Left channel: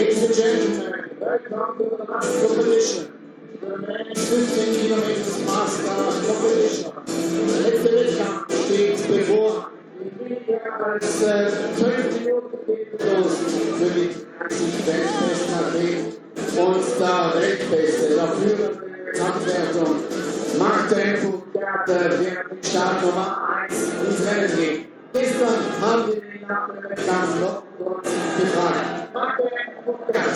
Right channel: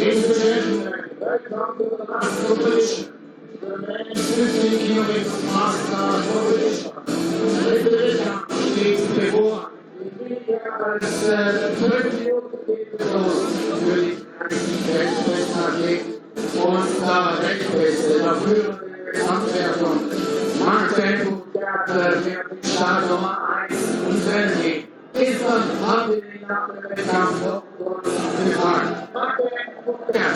Ladies and gentlemen, welcome to the mass competition. The men's 15 kilometers mass start competition. Letzte Wettkampf steht bevor. Die weniger als 12 Minuten geht es los für die besten Athleten und der Rechtbeste, der führende Abwertung. Markttempo der den Start Nummer 1 ins Rennen geht. Gestern haben wir den nach dem Wettkampf noch gefragt. Markttempo der.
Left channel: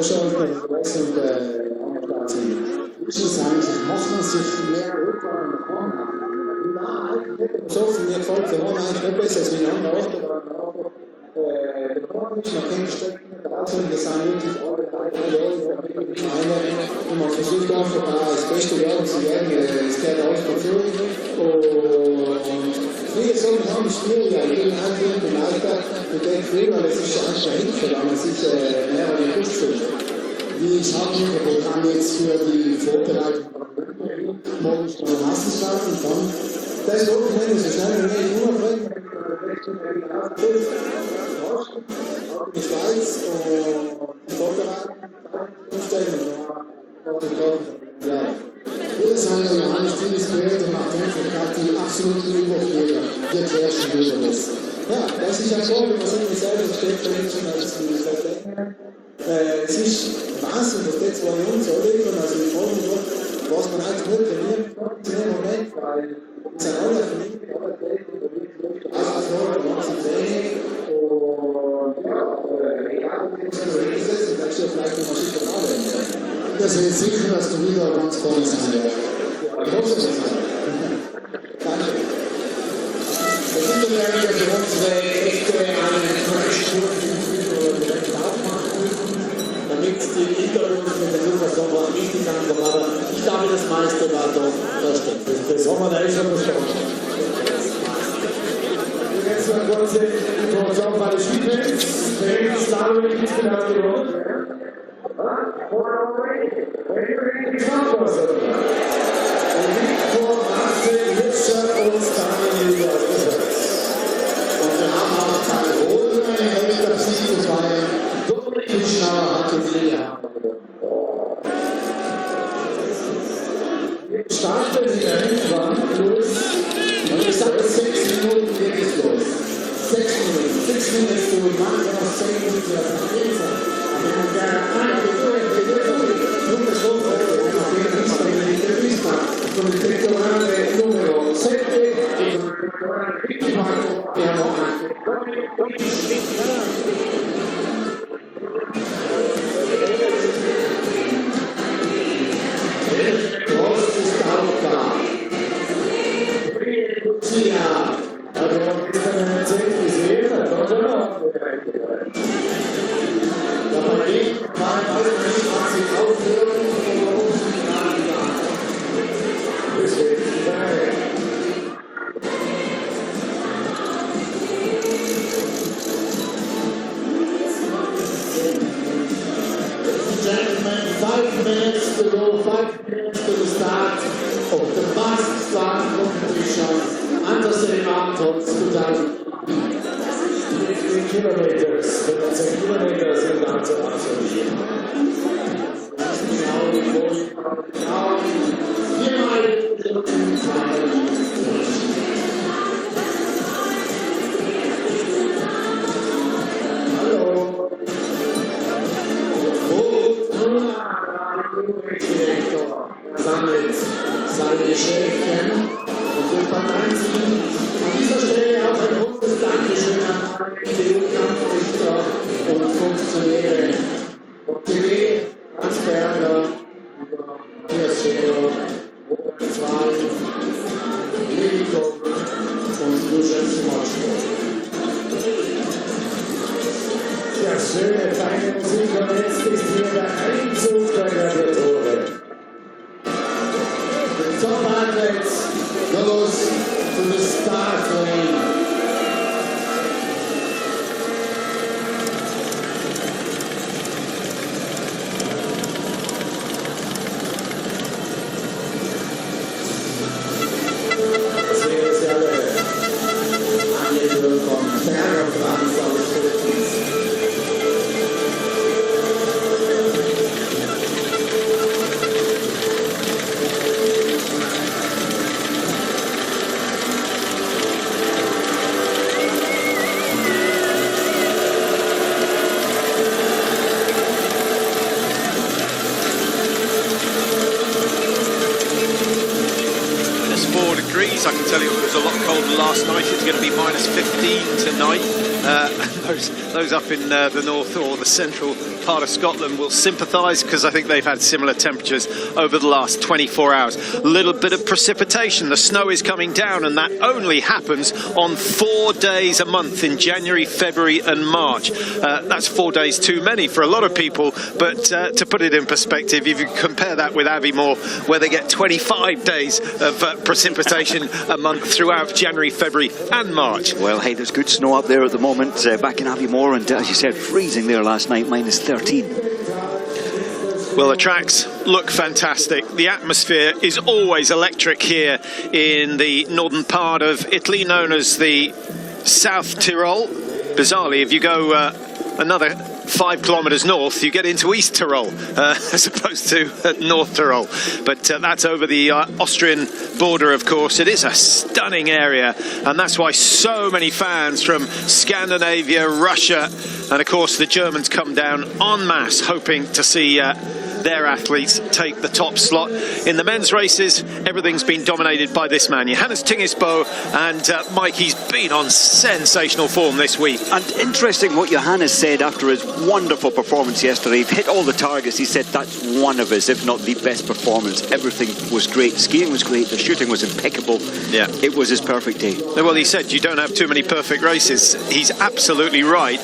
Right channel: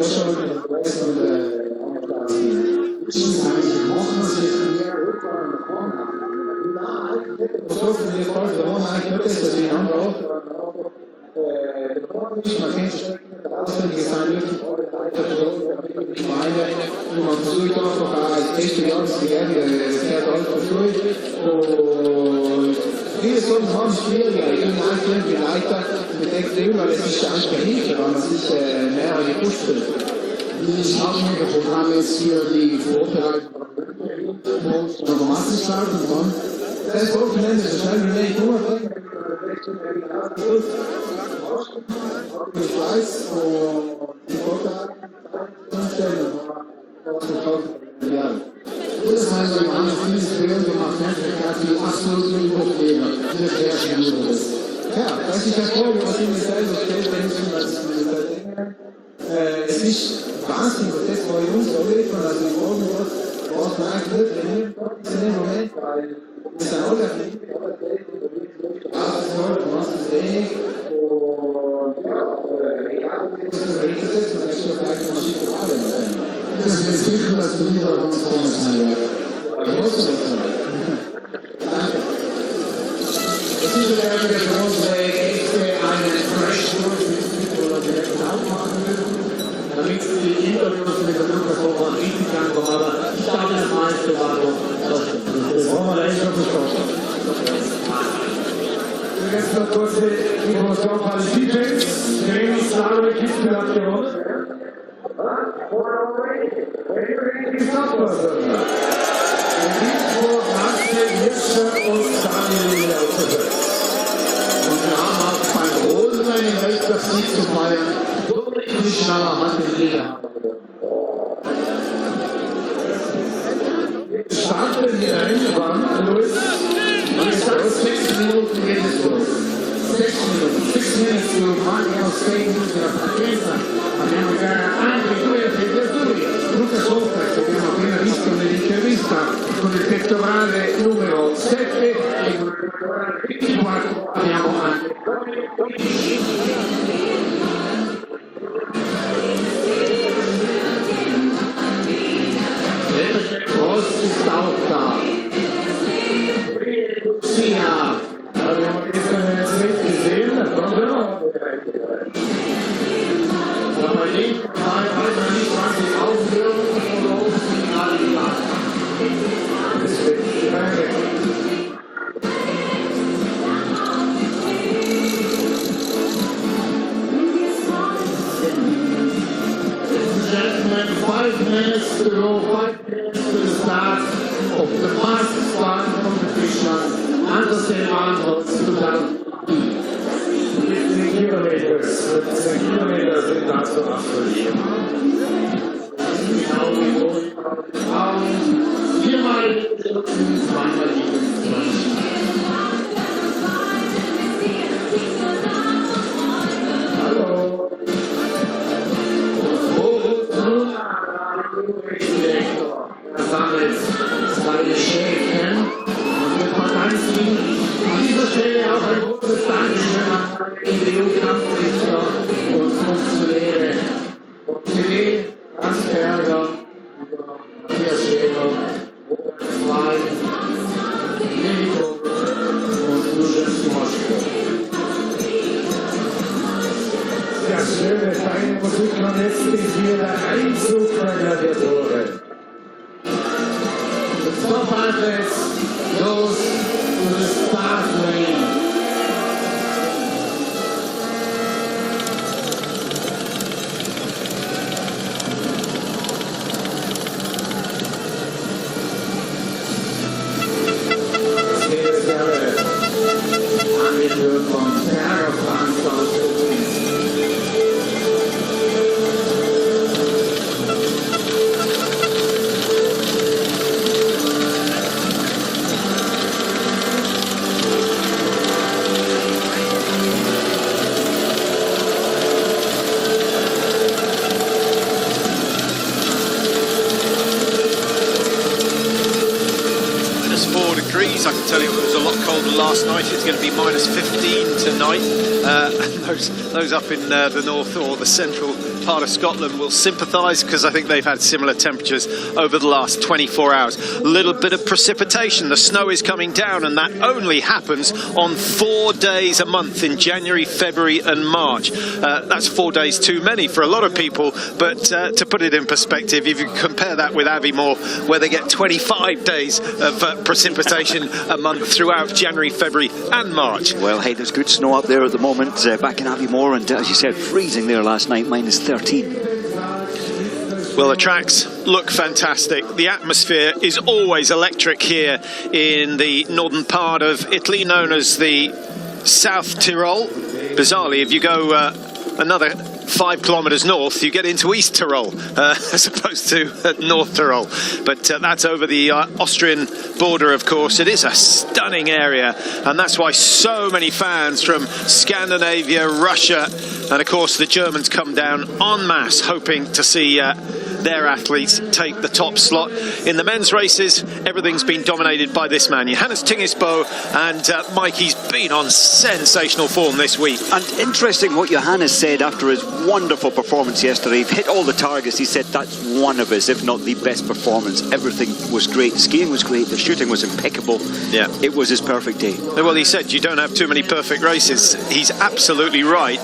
Deutschland mit Großen und Amerikanern. Ich muss sagen, muss man sich mehr Rückfragen nach vorne haben. Na, eigentlich hätte man so viel mehr Vordergrund, das ist mir am Morgen oder am Morgen. Der Vordergrund ist nach den Strecken, draußen, das sind wirklich alle 3 Jahre, da bin ich mal rein, und man versucht auch noch das Beste auszuwerten, das der Ort von Jürgen, und das ist schon schwieriger, gegen die Alltag, und der Klima ist nicht einfach nicht, als ich mehr an den Kunst. Wir haben jetzt hier die Vorbereitung von Rückmeldung, morgens von Massenschlagen, das Wochenende ist ein nur mit der Richtung der Glasgow, Osten, auch die Schweiz, und die Vorbereitung, ja. Das war so ein anderes Projekt, wir machen die absoluten Überlegungen. Jetzt werden wir schon das. Ja, das ist ja schon, was ich mir selber es ist Wahnsinn, dass das bei uns so wird, also ich freue mich, was man eigentlich wird, wenn wir im konventionellen Moment, weil es ist ja auch ein Ding, aber das Geld und der Weg durch die Straße, und was ist wenig, und ja, egal, ob es so ist, dann ist das eigentlich mal schick und alles. Und das wird sicher, dass du wieder ganz vorne sein wirst. Also, das ist so. Danke. Das ist ja für unsere echte Information. Ich glaube, das meiste war doch versteckt. Das war eine echte Beschreibung. Jetzt ist kurz die Information von Schiebe. Wir sagen, wie ist die Nation? -4 degrees. I can tell you it was a lot colder last night. It's going to be -15 tonight. And those up in the north or the central part of Scotland will sympathise, because I think they've had similar temperatures over the last 24 hours. A little bit of precipitation. The snow is coming down, and that only happens on 4 days a month in January, February and March. That's 4 days too many for a lot of people, but to put it in perspective, if you compare that with Aviemore, where they get 25 days of precipitation a month throughout January, February and March. Well, hey, there's good snow up there at the moment, back in Aviemore, and as you said, freezing there last night, -13. Well, the tracks look fantastic. The atmosphere is always electric here in the northern part of Italy, known as the South Tyrol. Bizarrely, if you go another 5 kilometres north, you get into East Tyrol, as opposed to North Tyrol. But that's over the Austrian border, of course. It is a stunning area, and that's why so many fans from Scandinavia, Russia, and of course the Germans come down en masse, hoping to see their athletes take the top slot. In the men's races, everything's been dominated by this man, Johannes Tingesbo, and Mike, he's been on sensational form this week. And interesting what Johannes said after his wonderful performance yesterday. He hit all the targets. He said that's one of his, if not the best performance. Everything was great. Skiing was great. The shooting was impeccable. Yeah, it was his perfect day. Well, he said you don't have too many perfect races. He's absolutely right.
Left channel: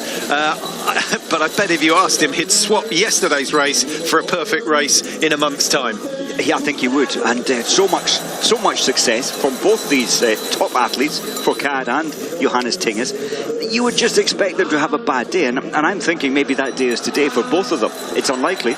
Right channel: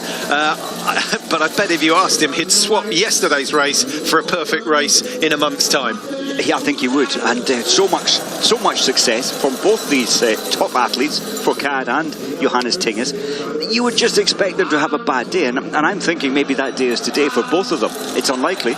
But I bet if you asked him, he'd swap yesterday's race for a perfect race in a month's time. Yeah, I think he would. And so much success from both these top athletes, Fourcade and Johannes Tinges. You would just expect them to have a bad day, and I'm thinking maybe that day is today for both of them. It's unlikely.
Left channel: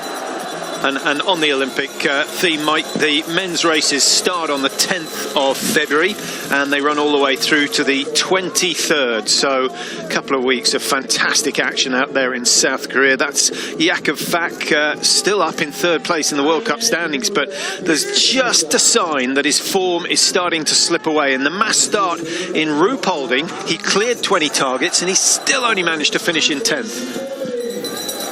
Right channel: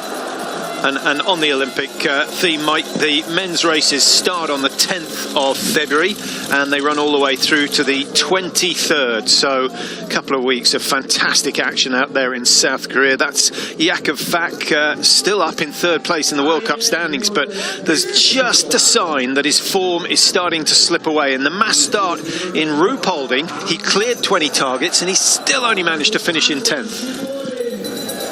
And on the Olympic theme, Mike, the men's races start on the 10th of February and they run all the way through to the 23rd. So a couple of weeks of fantastic action out there in South Korea. That's Jakub Fak still up in 3rd place in the World Cup standings, but there's just a sign that his form is starting to slip away. In the mass start in Ruhpolding, he cleared 20 targets and he still only managed to finish in 10th.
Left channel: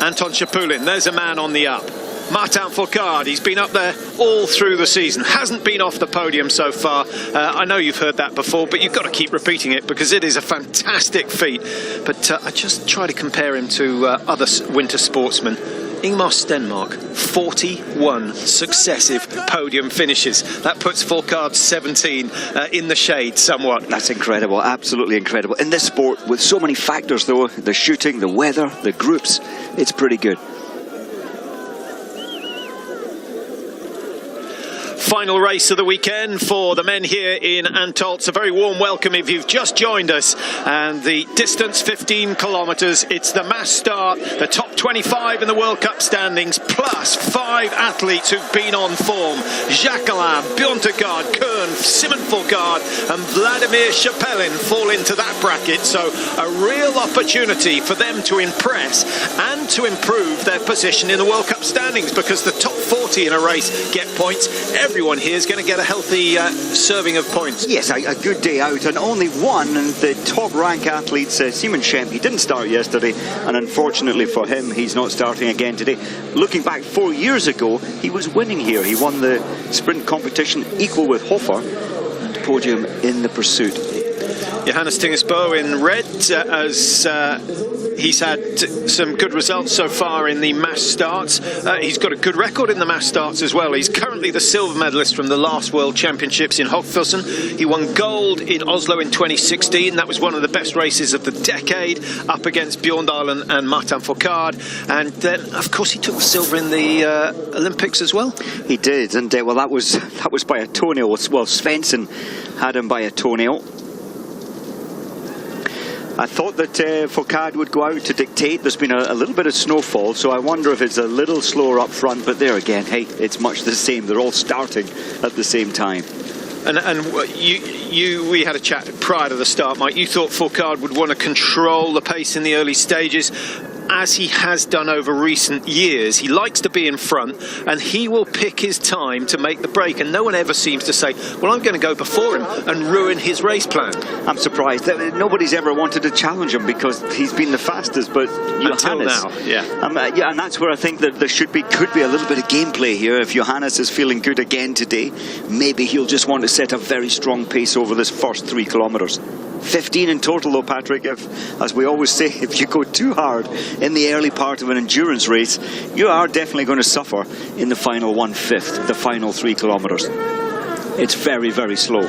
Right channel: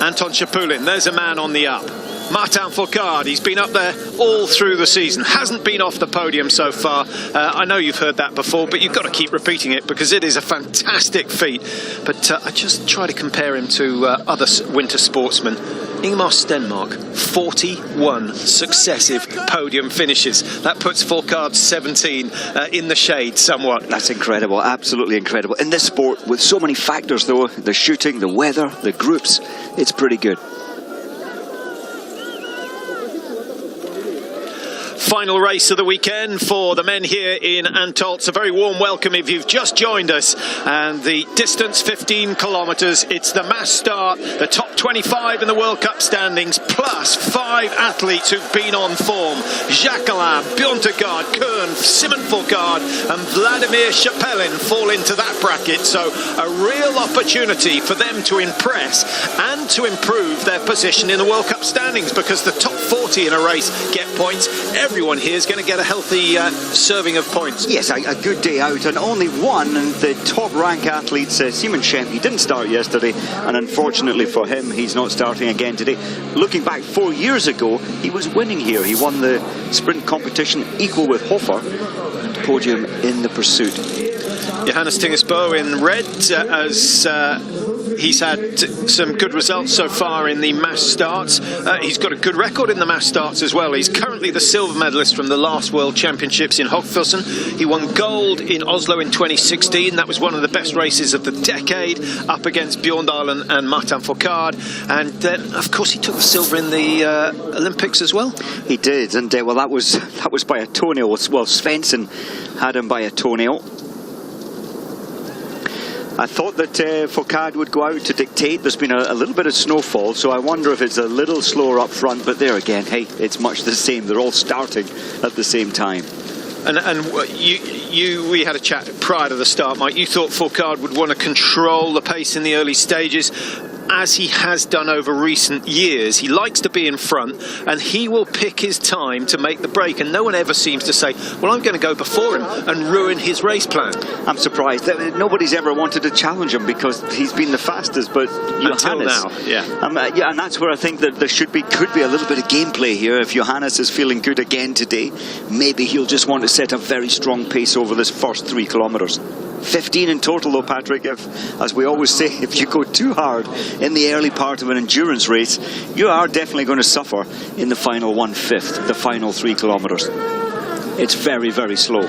Anton Chapulin, there's a man on the up. Martin Fourcade, he's been up there all through the season, hasn't been off the podium so far. I know you've heard that before, but you've got to keep repeating it because it is a fantastic feat. But I just try to compare him to other winter sportsmen. Ingemar Stenmark, 41 successive podium finishes. That puts Fourcade 17 in the shade somewhat. That's incredible, absolutely incredible. In this sport, with so many factors though, the shooting, the weather, the groups, it's pretty good. Final race of the weekend for the men here in Antolz. A very warm welcome if you've just joined us. And the distance, 15 kilometres. It's the mass start, the top 25 in the World Cup standings, plus 5 athletes who've been on form. Jacquelin, Bjørntegard, Kern, Simon Fourcade and Vladimir Chapelin fall into that bracket. So a real opportunity for them to impress and to improve their position in the World Cup standings, because the top 40 in a race get points. Everyone here is going to get a healthy serving of points. Yes, a good day out, and only one, and the top rank athletes, Simon Schempp, he didn't start yesterday, and unfortunately for him, he's not starting again today. Looking back 4 years ago, he was winning here. He won the sprint competition equal with Hofer, and podium in the pursuit. Johannes Tingesbo in red as he's had some good results so far in the mass starts. He's got a good record in the mass starts as well. He's currently the silver medalist from the last World Championships in Hoffelsen. He won gold in Oslo in 2016. That was one of the best races of the decade, up against Bjørndalen and Martin Fourcade. And then, of course, he took the silver in the Olympics as well. He did, and well, that was by a toenail. Well, Svensson had him by a toenail. I thought that Fourcade would go out to dictate. There's been a little bit of snowfall, so I wonder if it's a little slower up front. But there again, hey, it's much the same. They're all starting at the same time. And we had a chat prior to the start, Mike. You thought Fourcade would want to control the pace in the early stages, as he has done over recent years. He likes to be in front, and he will pick his time to make the break, and no one ever seems to say, well, I'm going to go before him and ruin his race plan. I'm surprised that nobody's ever wanted to challenge him, because he's been the fastest, but Johannes, until now, yeah. Yeah, and that's where I think that there could be a little bit of gameplay here. If Johannes is feeling good again today, maybe he'll just want to set a very strong pace over this first 3 kilometres. 15 in total though, Patrick. If, as we always say, if you go too hard in the early part of an endurance race, you are definitely going to suffer in the final 1/5, the final 3 kilometers. It's very, very slow.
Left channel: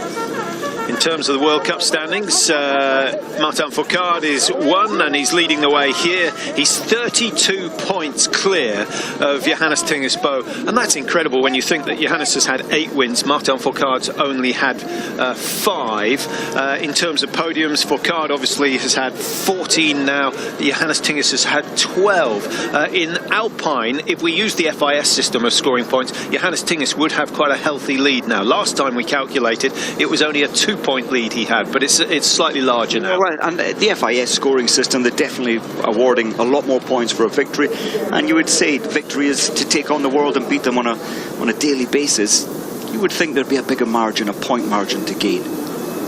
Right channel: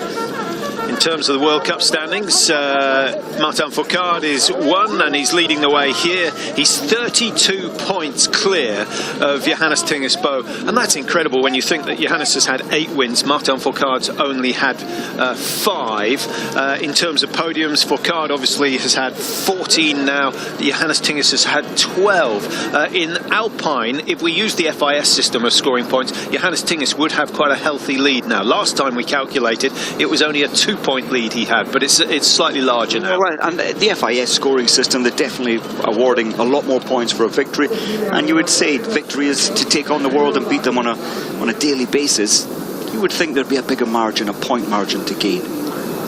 In terms of the World Cup standings, Martin Fourcade is 1 and he's leading the way here. He's 32 points clear of Johannes Tingesbo, and that's incredible when you think that Johannes has had 8 wins. Martin Fourcade's only had 5. In terms of podiums, Fourcade obviously has had 14 now. Johannes Tinges has had 12. In Alpine, if we use the FIS system of scoring points, Johannes Tinges would have quite a healthy lead now. Last time we calculated, it was only a 2-point lead he had, but it's slightly larger now. Well, and the FIS scoring system, they're definitely awarding a lot more points for a victory, and you would say victory is to take on the world and beat them on a daily basis. You would think there'd be a bigger margin, a point margin to gain.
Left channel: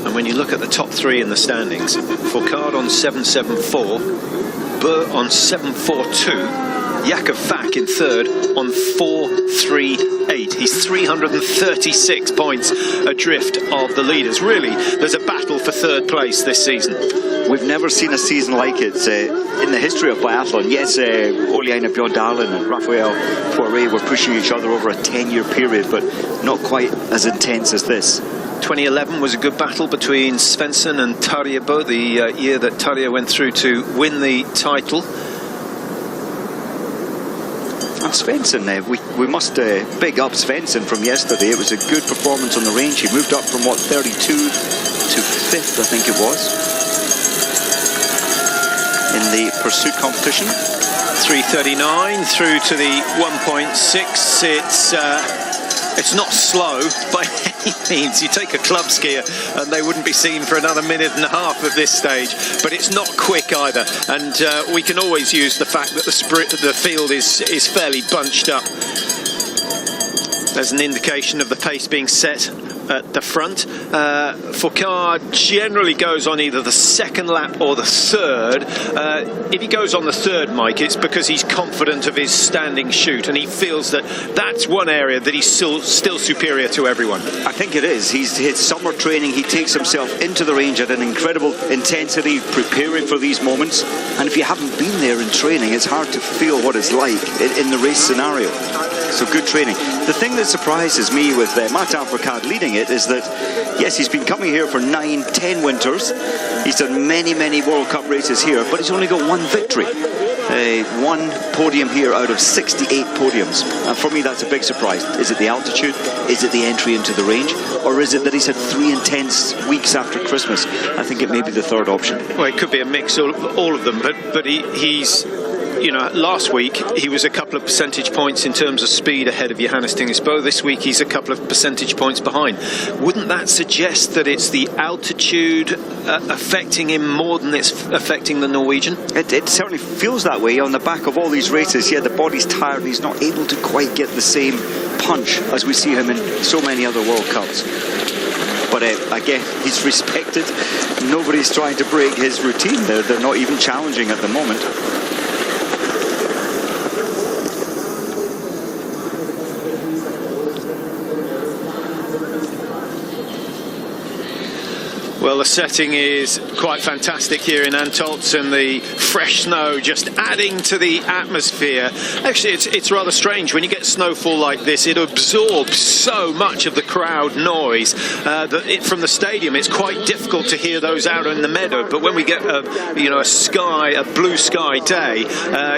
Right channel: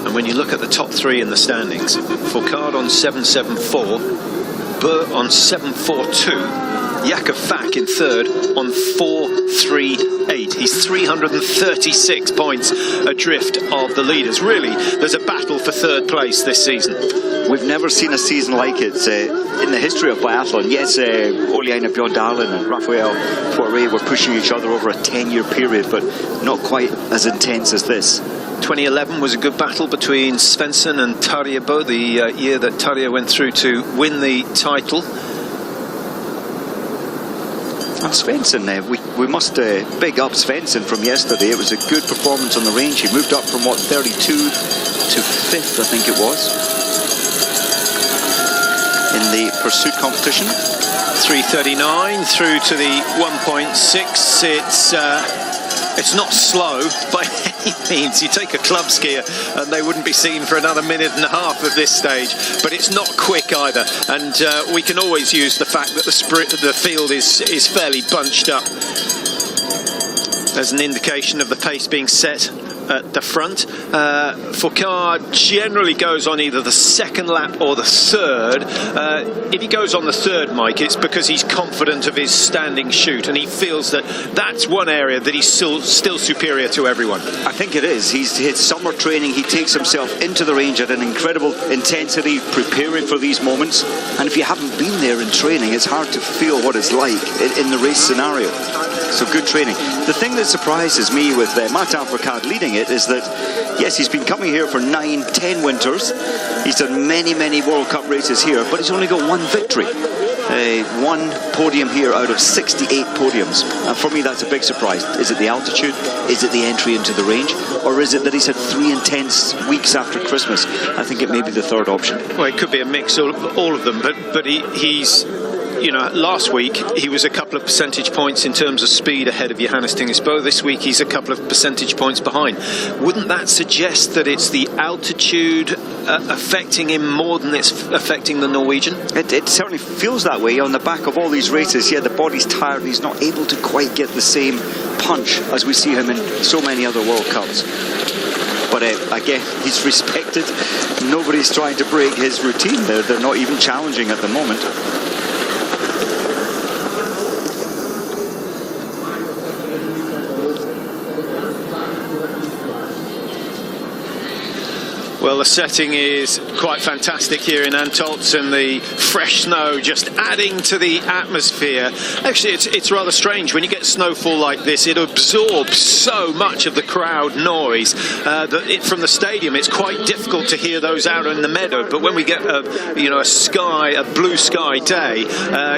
And when you look at the top 3 in the standings, Fourcade on 7.74, Bö on 7.42, Jakob Fack in 3rd on 4.38. He's 336 points adrift of the leaders. Really, there's a battle for 3rd place this season. We've never seen a season like it in the history of biathlon. Yes, Ole Einar Bjørndalen and Raphael Poiré were pushing each other over a 10-year period, but not quite as intense as this. 2011 was a good battle between Svensson and Tarje Bø, the year that Tarje went through to win the title. And Svensson, we must big up Svensson from yesterday. It was a good performance on the range. He moved up from, what, 32 to 5th, I think it was, in the pursuit competition. 3:39 through to the 1.6. It's not slow by any means. You take a club skier and they wouldn't be seen for another minute and a half at this stage, but it's not quick either, and we can always use the fact that the field is fairly bunched up as an indication of the pace being set at the front. Fourcade generally goes on either the 2nd lap or the 3rd. If he goes on the 3rd, Mike, it's because he's confident of his standing shoot and he feels that that's one area that he's still superior to everyone. I think it is. His summer training, he takes himself into the range at an incredible intensity, preparing for these moments. And if you haven't been there in training, it's hard to feel what it's like in the race scenario. So good training. The thing that surprises me with Martin Fourcade leading it is that, yes, he's been coming here for 9-10 winters. He's done many, many World Cup races here, but he's only got 1 victory. 1 podium here out of 68 podiums. And for me, that's a big surprise. Is it the altitude? Is it the entry into the range? Or is it that he's had 3 intense weeks after Christmas? I think it may be the 3rd option. Well, it could be a mix of all of them, but he's... You know, last week he was a couple of percentage points in terms of speed ahead of Johannes Tingesbo. This week he's a couple of percentage points behind. Wouldn't that suggest that it's the altitude affecting him more than it's affecting the Norwegian? It certainly feels that way on the back of all these races. Yeah, the body's tired. He's not able to quite get the same punch as we see him in so many other World Cups. But again, he's respected. Nobody's trying to break his routine. They're not even challenging at the moment. Well, the setting is quite fantastic here in Antolz, and the fresh snow just adding to the atmosphere. Actually, it's rather strange when you get snowfall like this. It absorbs so much of the crowd noise from the stadium. It's quite difficult to hear those out in the meadow. But when we get a blue sky day,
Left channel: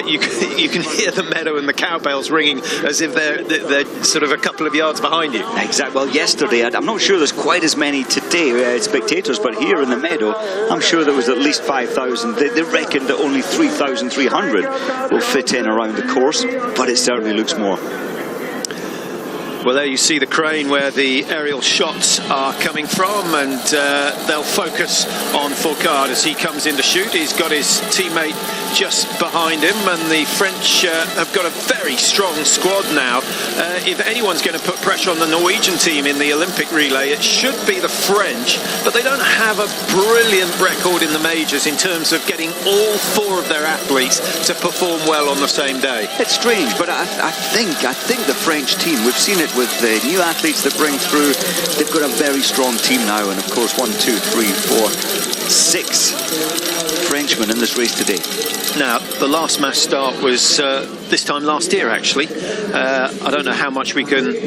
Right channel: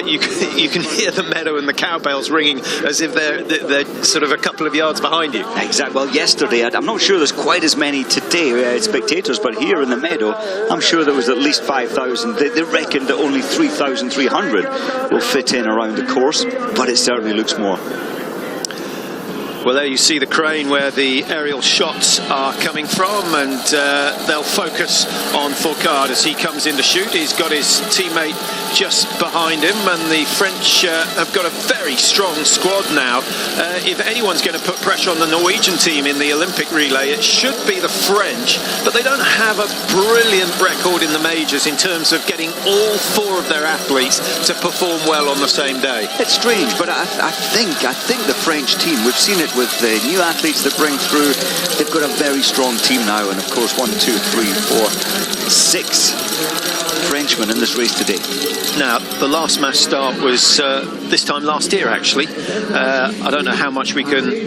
you can hear the meadow and the cowbells ringing as if they're sort of a couple of yards behind you. Exactly. Well, yesterday, I'm not sure there's quite as many today spectators, but here in the meadow, I'm sure there was at least 5,000. They reckoned that only 3,300 will fit in around the course, but it certainly looks more. Well, there you see the crane where the aerial shots are coming from, and they'll focus on Fourcade as he comes in to shoot. He's got his teammate just behind him, and the French have got a very strong squad now. If anyone's going to put pressure on the Norwegian team in the Olympic relay, it should be the French, but they don't have a brilliant record in the majors in terms of getting all 4 of their athletes to perform well on the same day. It's strange, but I think the French team, we've seen it with the new athletes that bring through, they've got a very strong team now, and of course 1, 2, 3, 4, 6 Frenchmen in this race today. Now, the last mass start was this time last year, actually. I don't know how much we can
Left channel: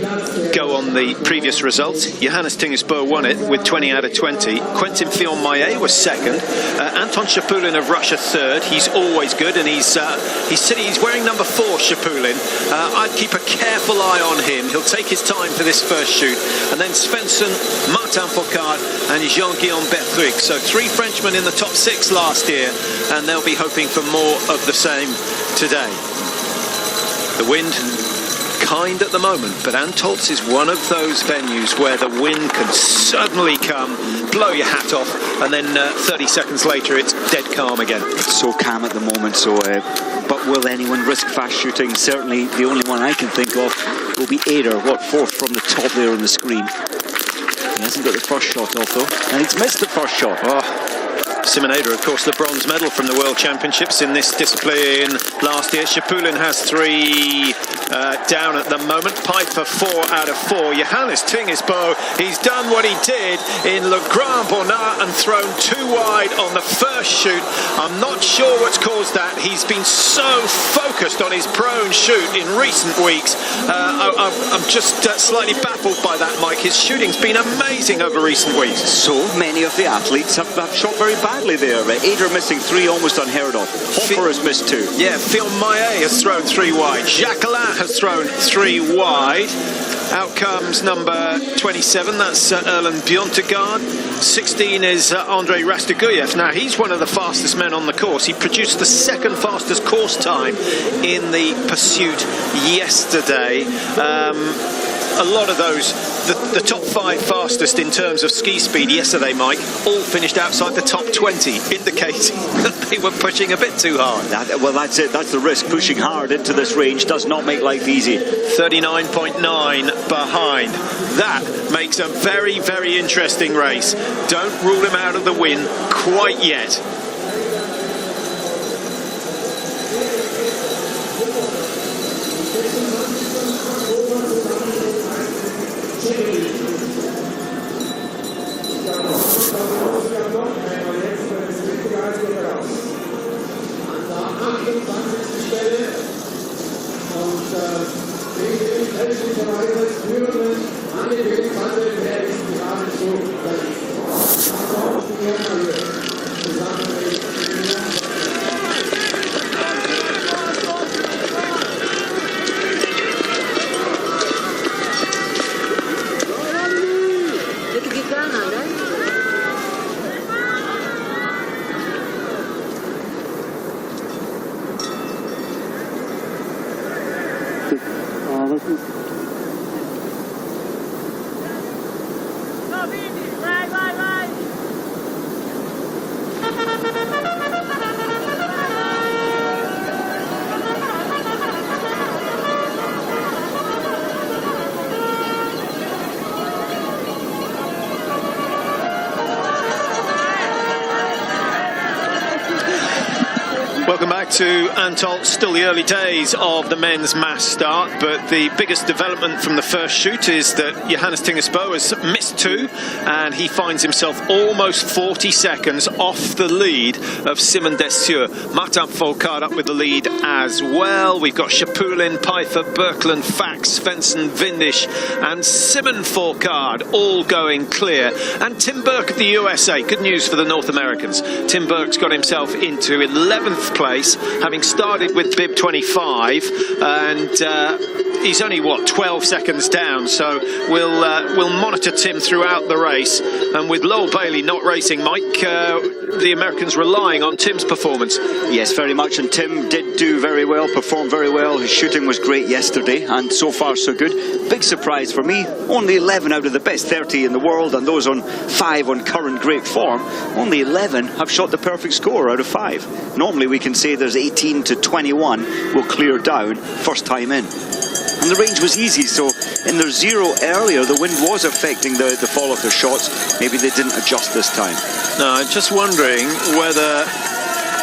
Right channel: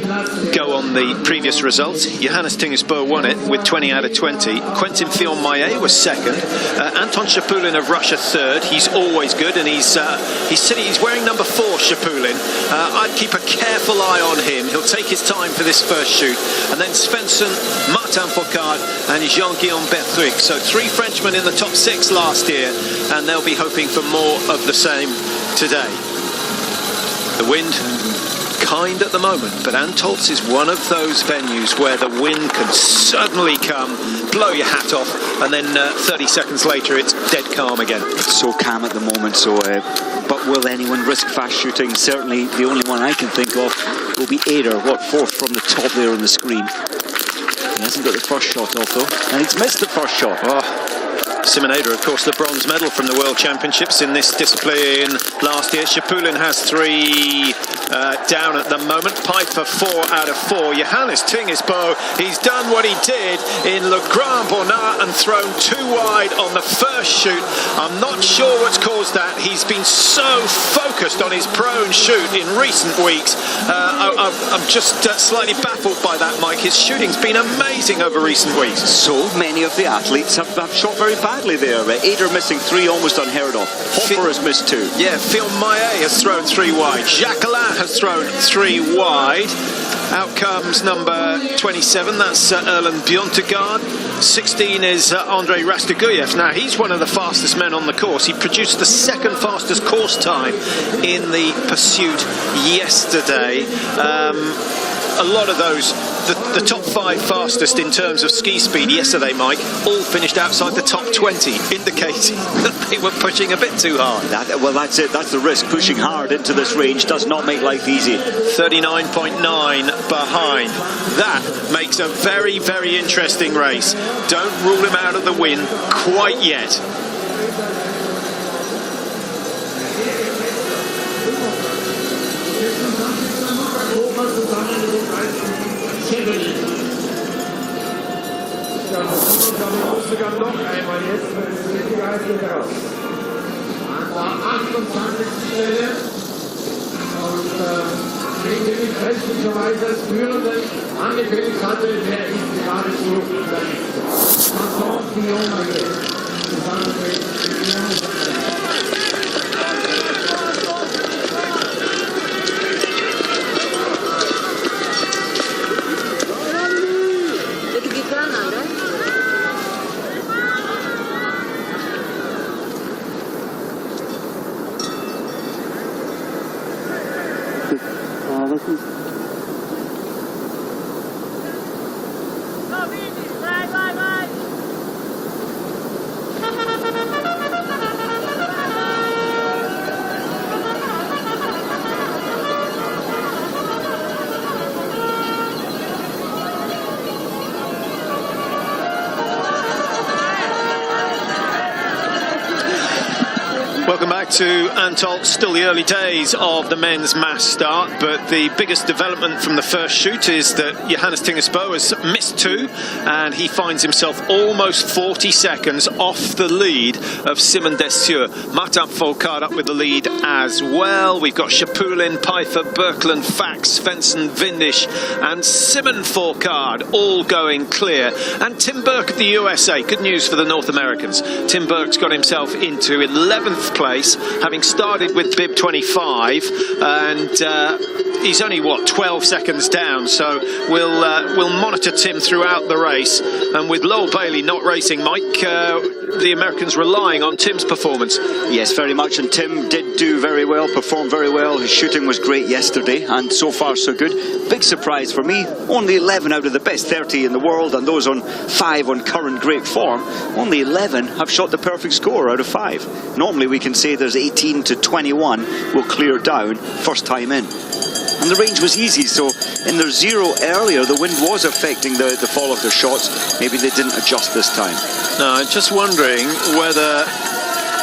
go on the previous results. Johannes Tingesbo won it with 20 out of 20. Quentin Fillon-Maillet was second. Anton Shapulin of Russia third. He's always good, and he's wearing number 4, Shapulin. I'd keep a careful eye on him. He'll take his time for this first shoot. And then Svensson, Martin Fourcade, and Jean-Guillaume Bertruc. So 3 Frenchmen in the top 6 last year, and they'll be hoping for more of the same today. The wind kind at the moment, but Antolz is one of those venues where the wind can suddenly come, blow your hat off, and then 30 seconds later it's dead calm again. It's so calm at the moment, so but will anyone risk fast shooting? Certainly the only one I can think of will be Eder, 4th from the top there on the screen. He hasn't got the first shot off though, and he's missed the first shot. Simon Eder, of course, the bronze medal from the World Championships in this discipline last year. Shapulin has 3 down at the moment. Pfeiffer 4 out of 4. Johannes Tingesbo, he's done what he did in Le Grand Bonnat and thrown 2 wide on the first shoot. I'm not sure what's caused that. He's been so focused on his prone shoot in recent weeks. I'm just slightly baffled by that, Mike. His shooting's been amazing over recent weeks. So many of the athletes have shot very badly there. Eder missing 3, almost unheard of. Hoffer has missed 2. Yeah, Fillon-Maillet has thrown 3 wide. Jacquelin has thrown 3 wide. Out comes number 27, that's Erlen Bjørntegard. 16 is Andrei Rastoguyev. Now, he's one of the fastest men on the course. He produced the 2nd fastest course time in the pursuit yesterday. A lot of those, the top 5 fastest in terms of ski speed yesterday, Mike, all finished outside the top 20, indicating that they were pushing a bit too hard. Well, that's it. That's the risk. Pushing hard into this range does not make life easy. 39.9 behind. That makes a very, very interesting race. Don't rule him out of the win quite yet. Welcome back to Antolz. Still the early days of the men's mass start, but the biggest development from the first shoot is that Johannes Tingesbo has missed 2, and he finds himself almost 40 seconds off the lead of Simon Dessieux. Martin Fourcade up with the lead as well. We've got Shapulin, Pfeiffer, Birkeland, Fax, Svensson, Windisch, and Simon Fourcade all going clear. And Tim Burke of the USA. Good news for the North Americans. Tim Burke's got himself into 11th place, having started with bib 25, and he's only 12 seconds down. So we'll monitor Tim throughout the race, and with Lowell Bailey not racing, Mike, the Americans relying on Tim's performance. Yes, very much, and Tim did do very well, performed very well. His shooting was great yesterday, and so far so good. Big surprise for me, only 11 out of the best 30 in the world, and those on 5 on current great form, only 11 have shot the perfect score out of 5. Normally we can say there's 18 to 21 will clear down first time in. And the range was easy, so in their 0 earlier, the wind was affecting the fall of their shots. Maybe they didn't adjust this time. No, I'm just wondering whether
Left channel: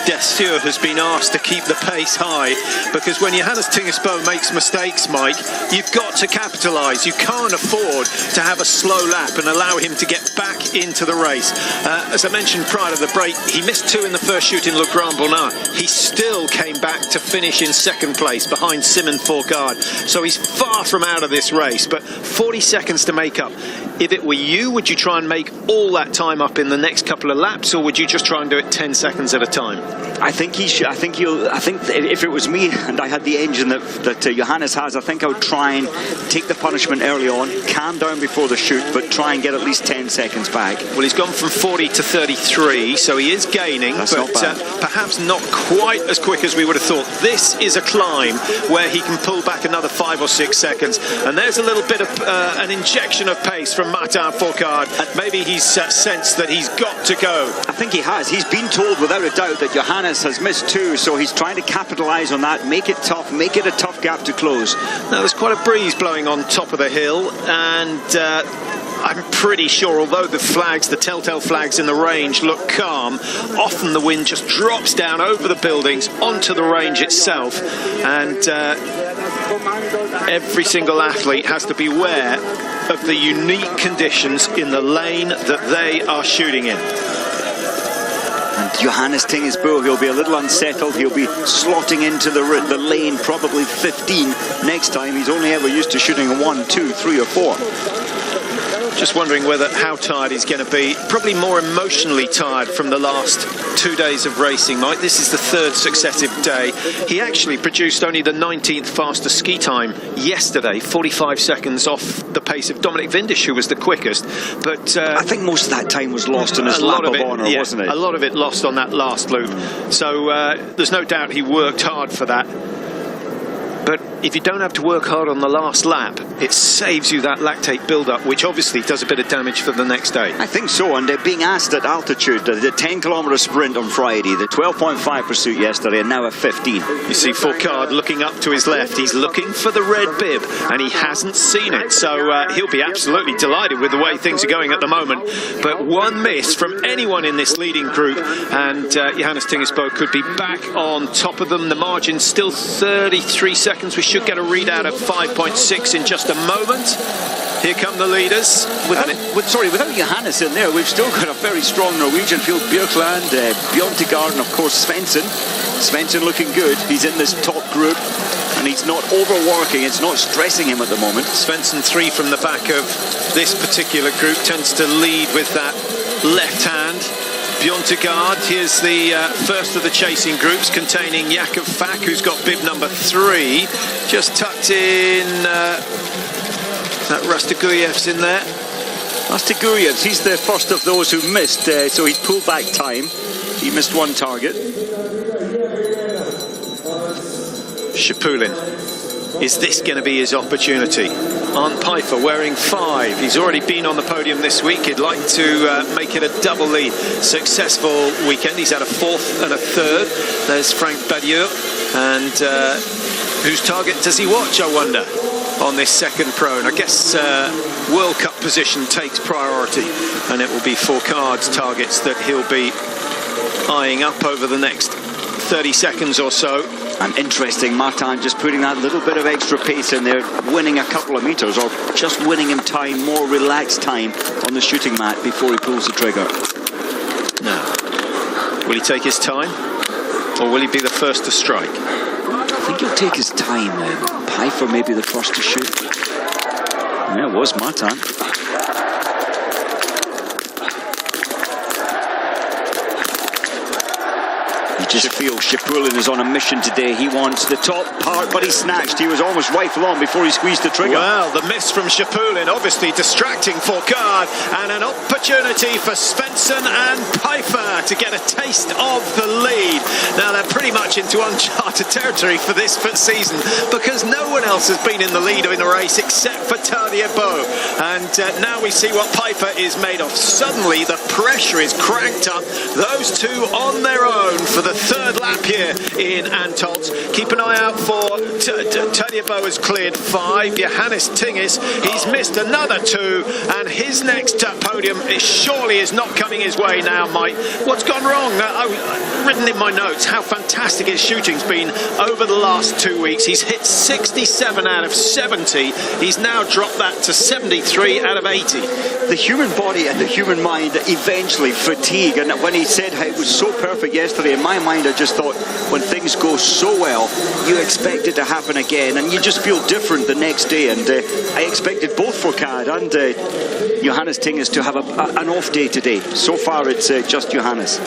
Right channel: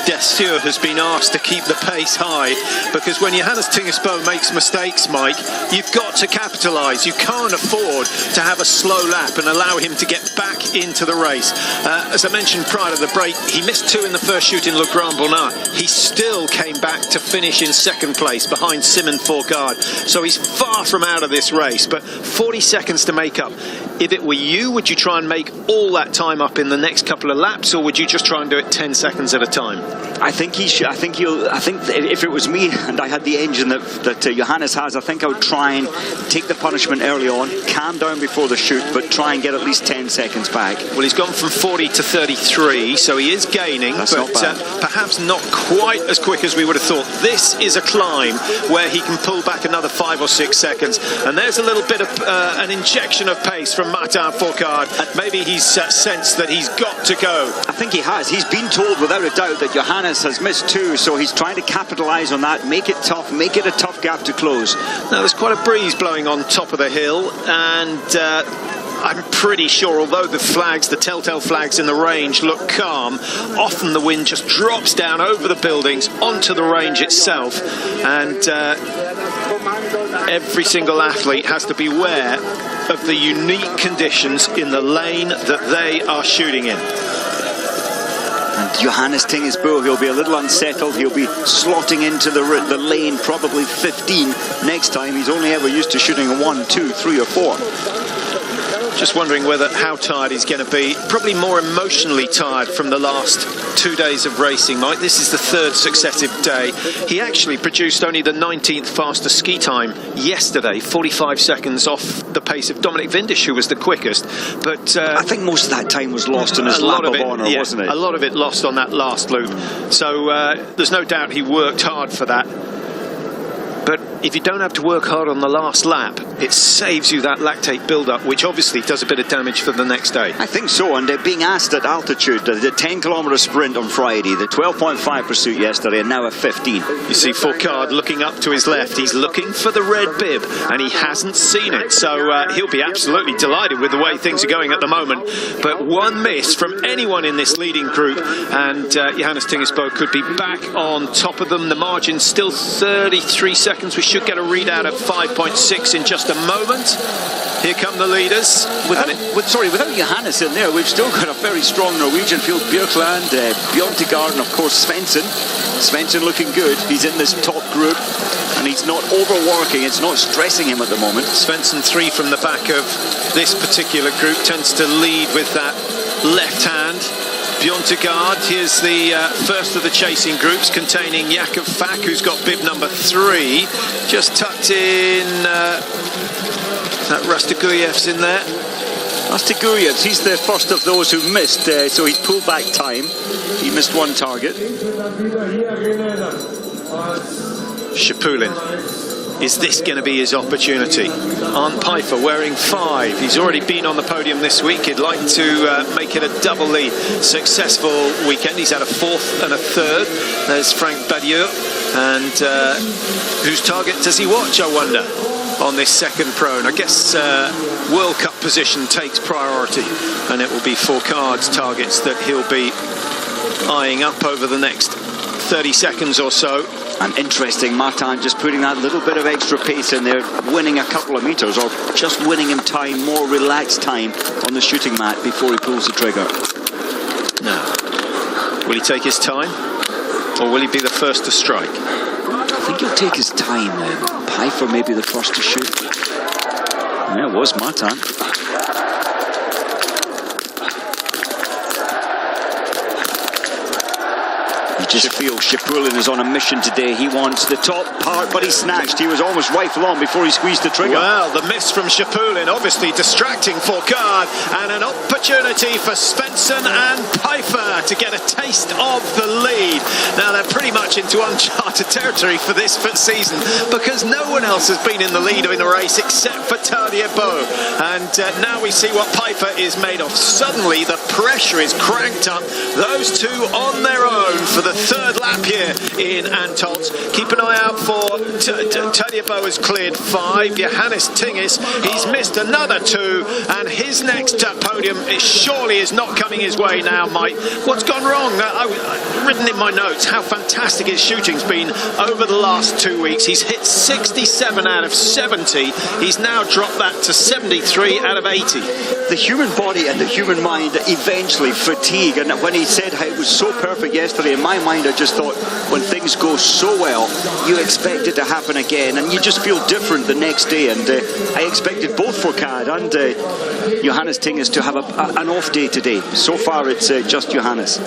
Dessure has been asked to keep the pace high, because when Johannes Tingesbo makes mistakes, Mike, you've got to capitalise. You can't afford to have a slow lap and allow him to get back into the race. As I mentioned prior to the break, he missed 2 in the first shoot in Le Grand Bonnat. He still came back to finish in second place behind Simon Fourcade. So he's far from out of this race, but 40 seconds to make up. If it were you, would you try and make all that time up in the next couple of laps, or would you just try and do it 10 seconds at a time? I think he should. I think if it was me and I had the engine that Johannes has, I think I would try and take the punishment early on, calm down before the shoot, but try and get at least 10 seconds back. Well, he's gone from 40 to 33, so he is gaining, That's but not bad. Perhaps not quite as quick as we would have thought. This is a climb where he can pull back another 5 or 6 seconds, and there's a little bit of an injection of pace from Martin Fourcade. Maybe he's sensed that he's got to go. I think he has. He's been told without a doubt that Johannes has missed 2, so he's trying to capitalise on that, make it tough, make it a tough gap to close. Now, there's quite a breeze blowing on top of the hill, and I'm pretty sure, although the flags, the telltale flags in the range look calm, often the wind just drops down over the buildings onto the range itself, and every single athlete has to beware of the unique conditions in the lane that they are shooting in. And Johannes Tingesbo, he'll be a little unsettled. He'll be slotting into the lane, probably 15 next time. He's only ever used to shooting a 1, 2, 3 or 4. Just wondering how tired he's going to be. Probably more emotionally tired from the last 2 days of racing, Mike. This is the 3rd successive day. He actually produced only the 19th fastest ski time yesterday, 45 seconds off the pace of Dominic Vindisch, who was the quickest. But I think most of that time was lost in his lap of honour, wasn't it? A lot of it lost on that last loop. So there's no doubt he worked hard for that. But if you don't have to work hard on the last lap, it saves you that lactate build-up, which obviously does a bit of damage for the next day. I think so, and being asked at altitude, the 10-kilometre sprint on Friday, the 12.5 pursuit yesterday, and now a 15. You see Fourcade looking up to his left. He's looking for the red bib, and he hasn't seen it. So he'll be absolutely delighted with the way things are going at the moment. But one miss from anyone in this leading group, and Johannes Tingesbo could be back on top of them. The margin's still 33 seconds. We should get a readout at 5.6 in just a moment. Here come the leaders. Without Johannes in there, we've still got a very strong Norwegian field. Björkland, Bjørntegard, and of course Svensson. Svensson looking good. He's in this top group, and he's not overworking. It's not stressing him at the moment. Svensson 3 from the back of this particular group, tends to lead with that left hand. Bjørntegard, here's the first of the chasing groups, containing Jakob Fak, who's got bib number 3. Just tucked in, that Rastiguyev's in there. Rastiguyev's, he's the first of those who missed, so he's pulled back time. He missed 1 target. Shapulin, is this going to be his opportunity? Arndt Pfeiffer wearing 5. He's already been on the podium this week. He'd like to make it a doubly successful weekend. He's had a 4th and a 3rd. There's Frank Badieux. And whose target does he watch, I wonder, on this second pro? And I guess World Cup position takes priority. And it will be Fourcade's targets that he'll be eyeing up over the next 30 seconds or so. And interesting, Martin just putting that little bit of extra pace in there, winning a couple of meters, or just winning him time, more relaxed time on the shooting mat before he pulls the trigger. Now, will he take his time, or will he be the first to strike? I think he'll take his time. Pfeiffer may be the first to shoot. Yeah, it was Martin. Just feel Shapulin is on a mission today. He wants the top part, but he snatched. He was almost rifle on before he squeezed the trigger. Well, the miss from Shapulin obviously distracting Fourcade, and an opportunity for Svensson and Pfeiffer to get a taste of the lead. Now, they're pretty much into uncharted territory for this season, because no one else has been in the lead in the race except for Tadier Boe. And now we see what Pfeiffer is made of. Suddenly, the pressure is cranked up. Those two on their own for the third lap here in Antolz. Keep an eye out for Tadjebo has cleared 5. Johannes Tingis, he's missed another 2, and his next podium surely is not coming his way now, Mike. What's gone wrong? I've written in my notes how fantastic his shooting's been over the last 2 weeks. He's hit 67 out of 70. He's now dropped that to 73 out of 80. The human body and the human mind eventually fatigue, and when he said how it was so perfect yesterday, in my mind I just thought, when things go so well, you expect it to happen again, and you just feel different the next day. And I expected both Fourcade and Johannes Tingis to have an off day today. So far it's just Johannes.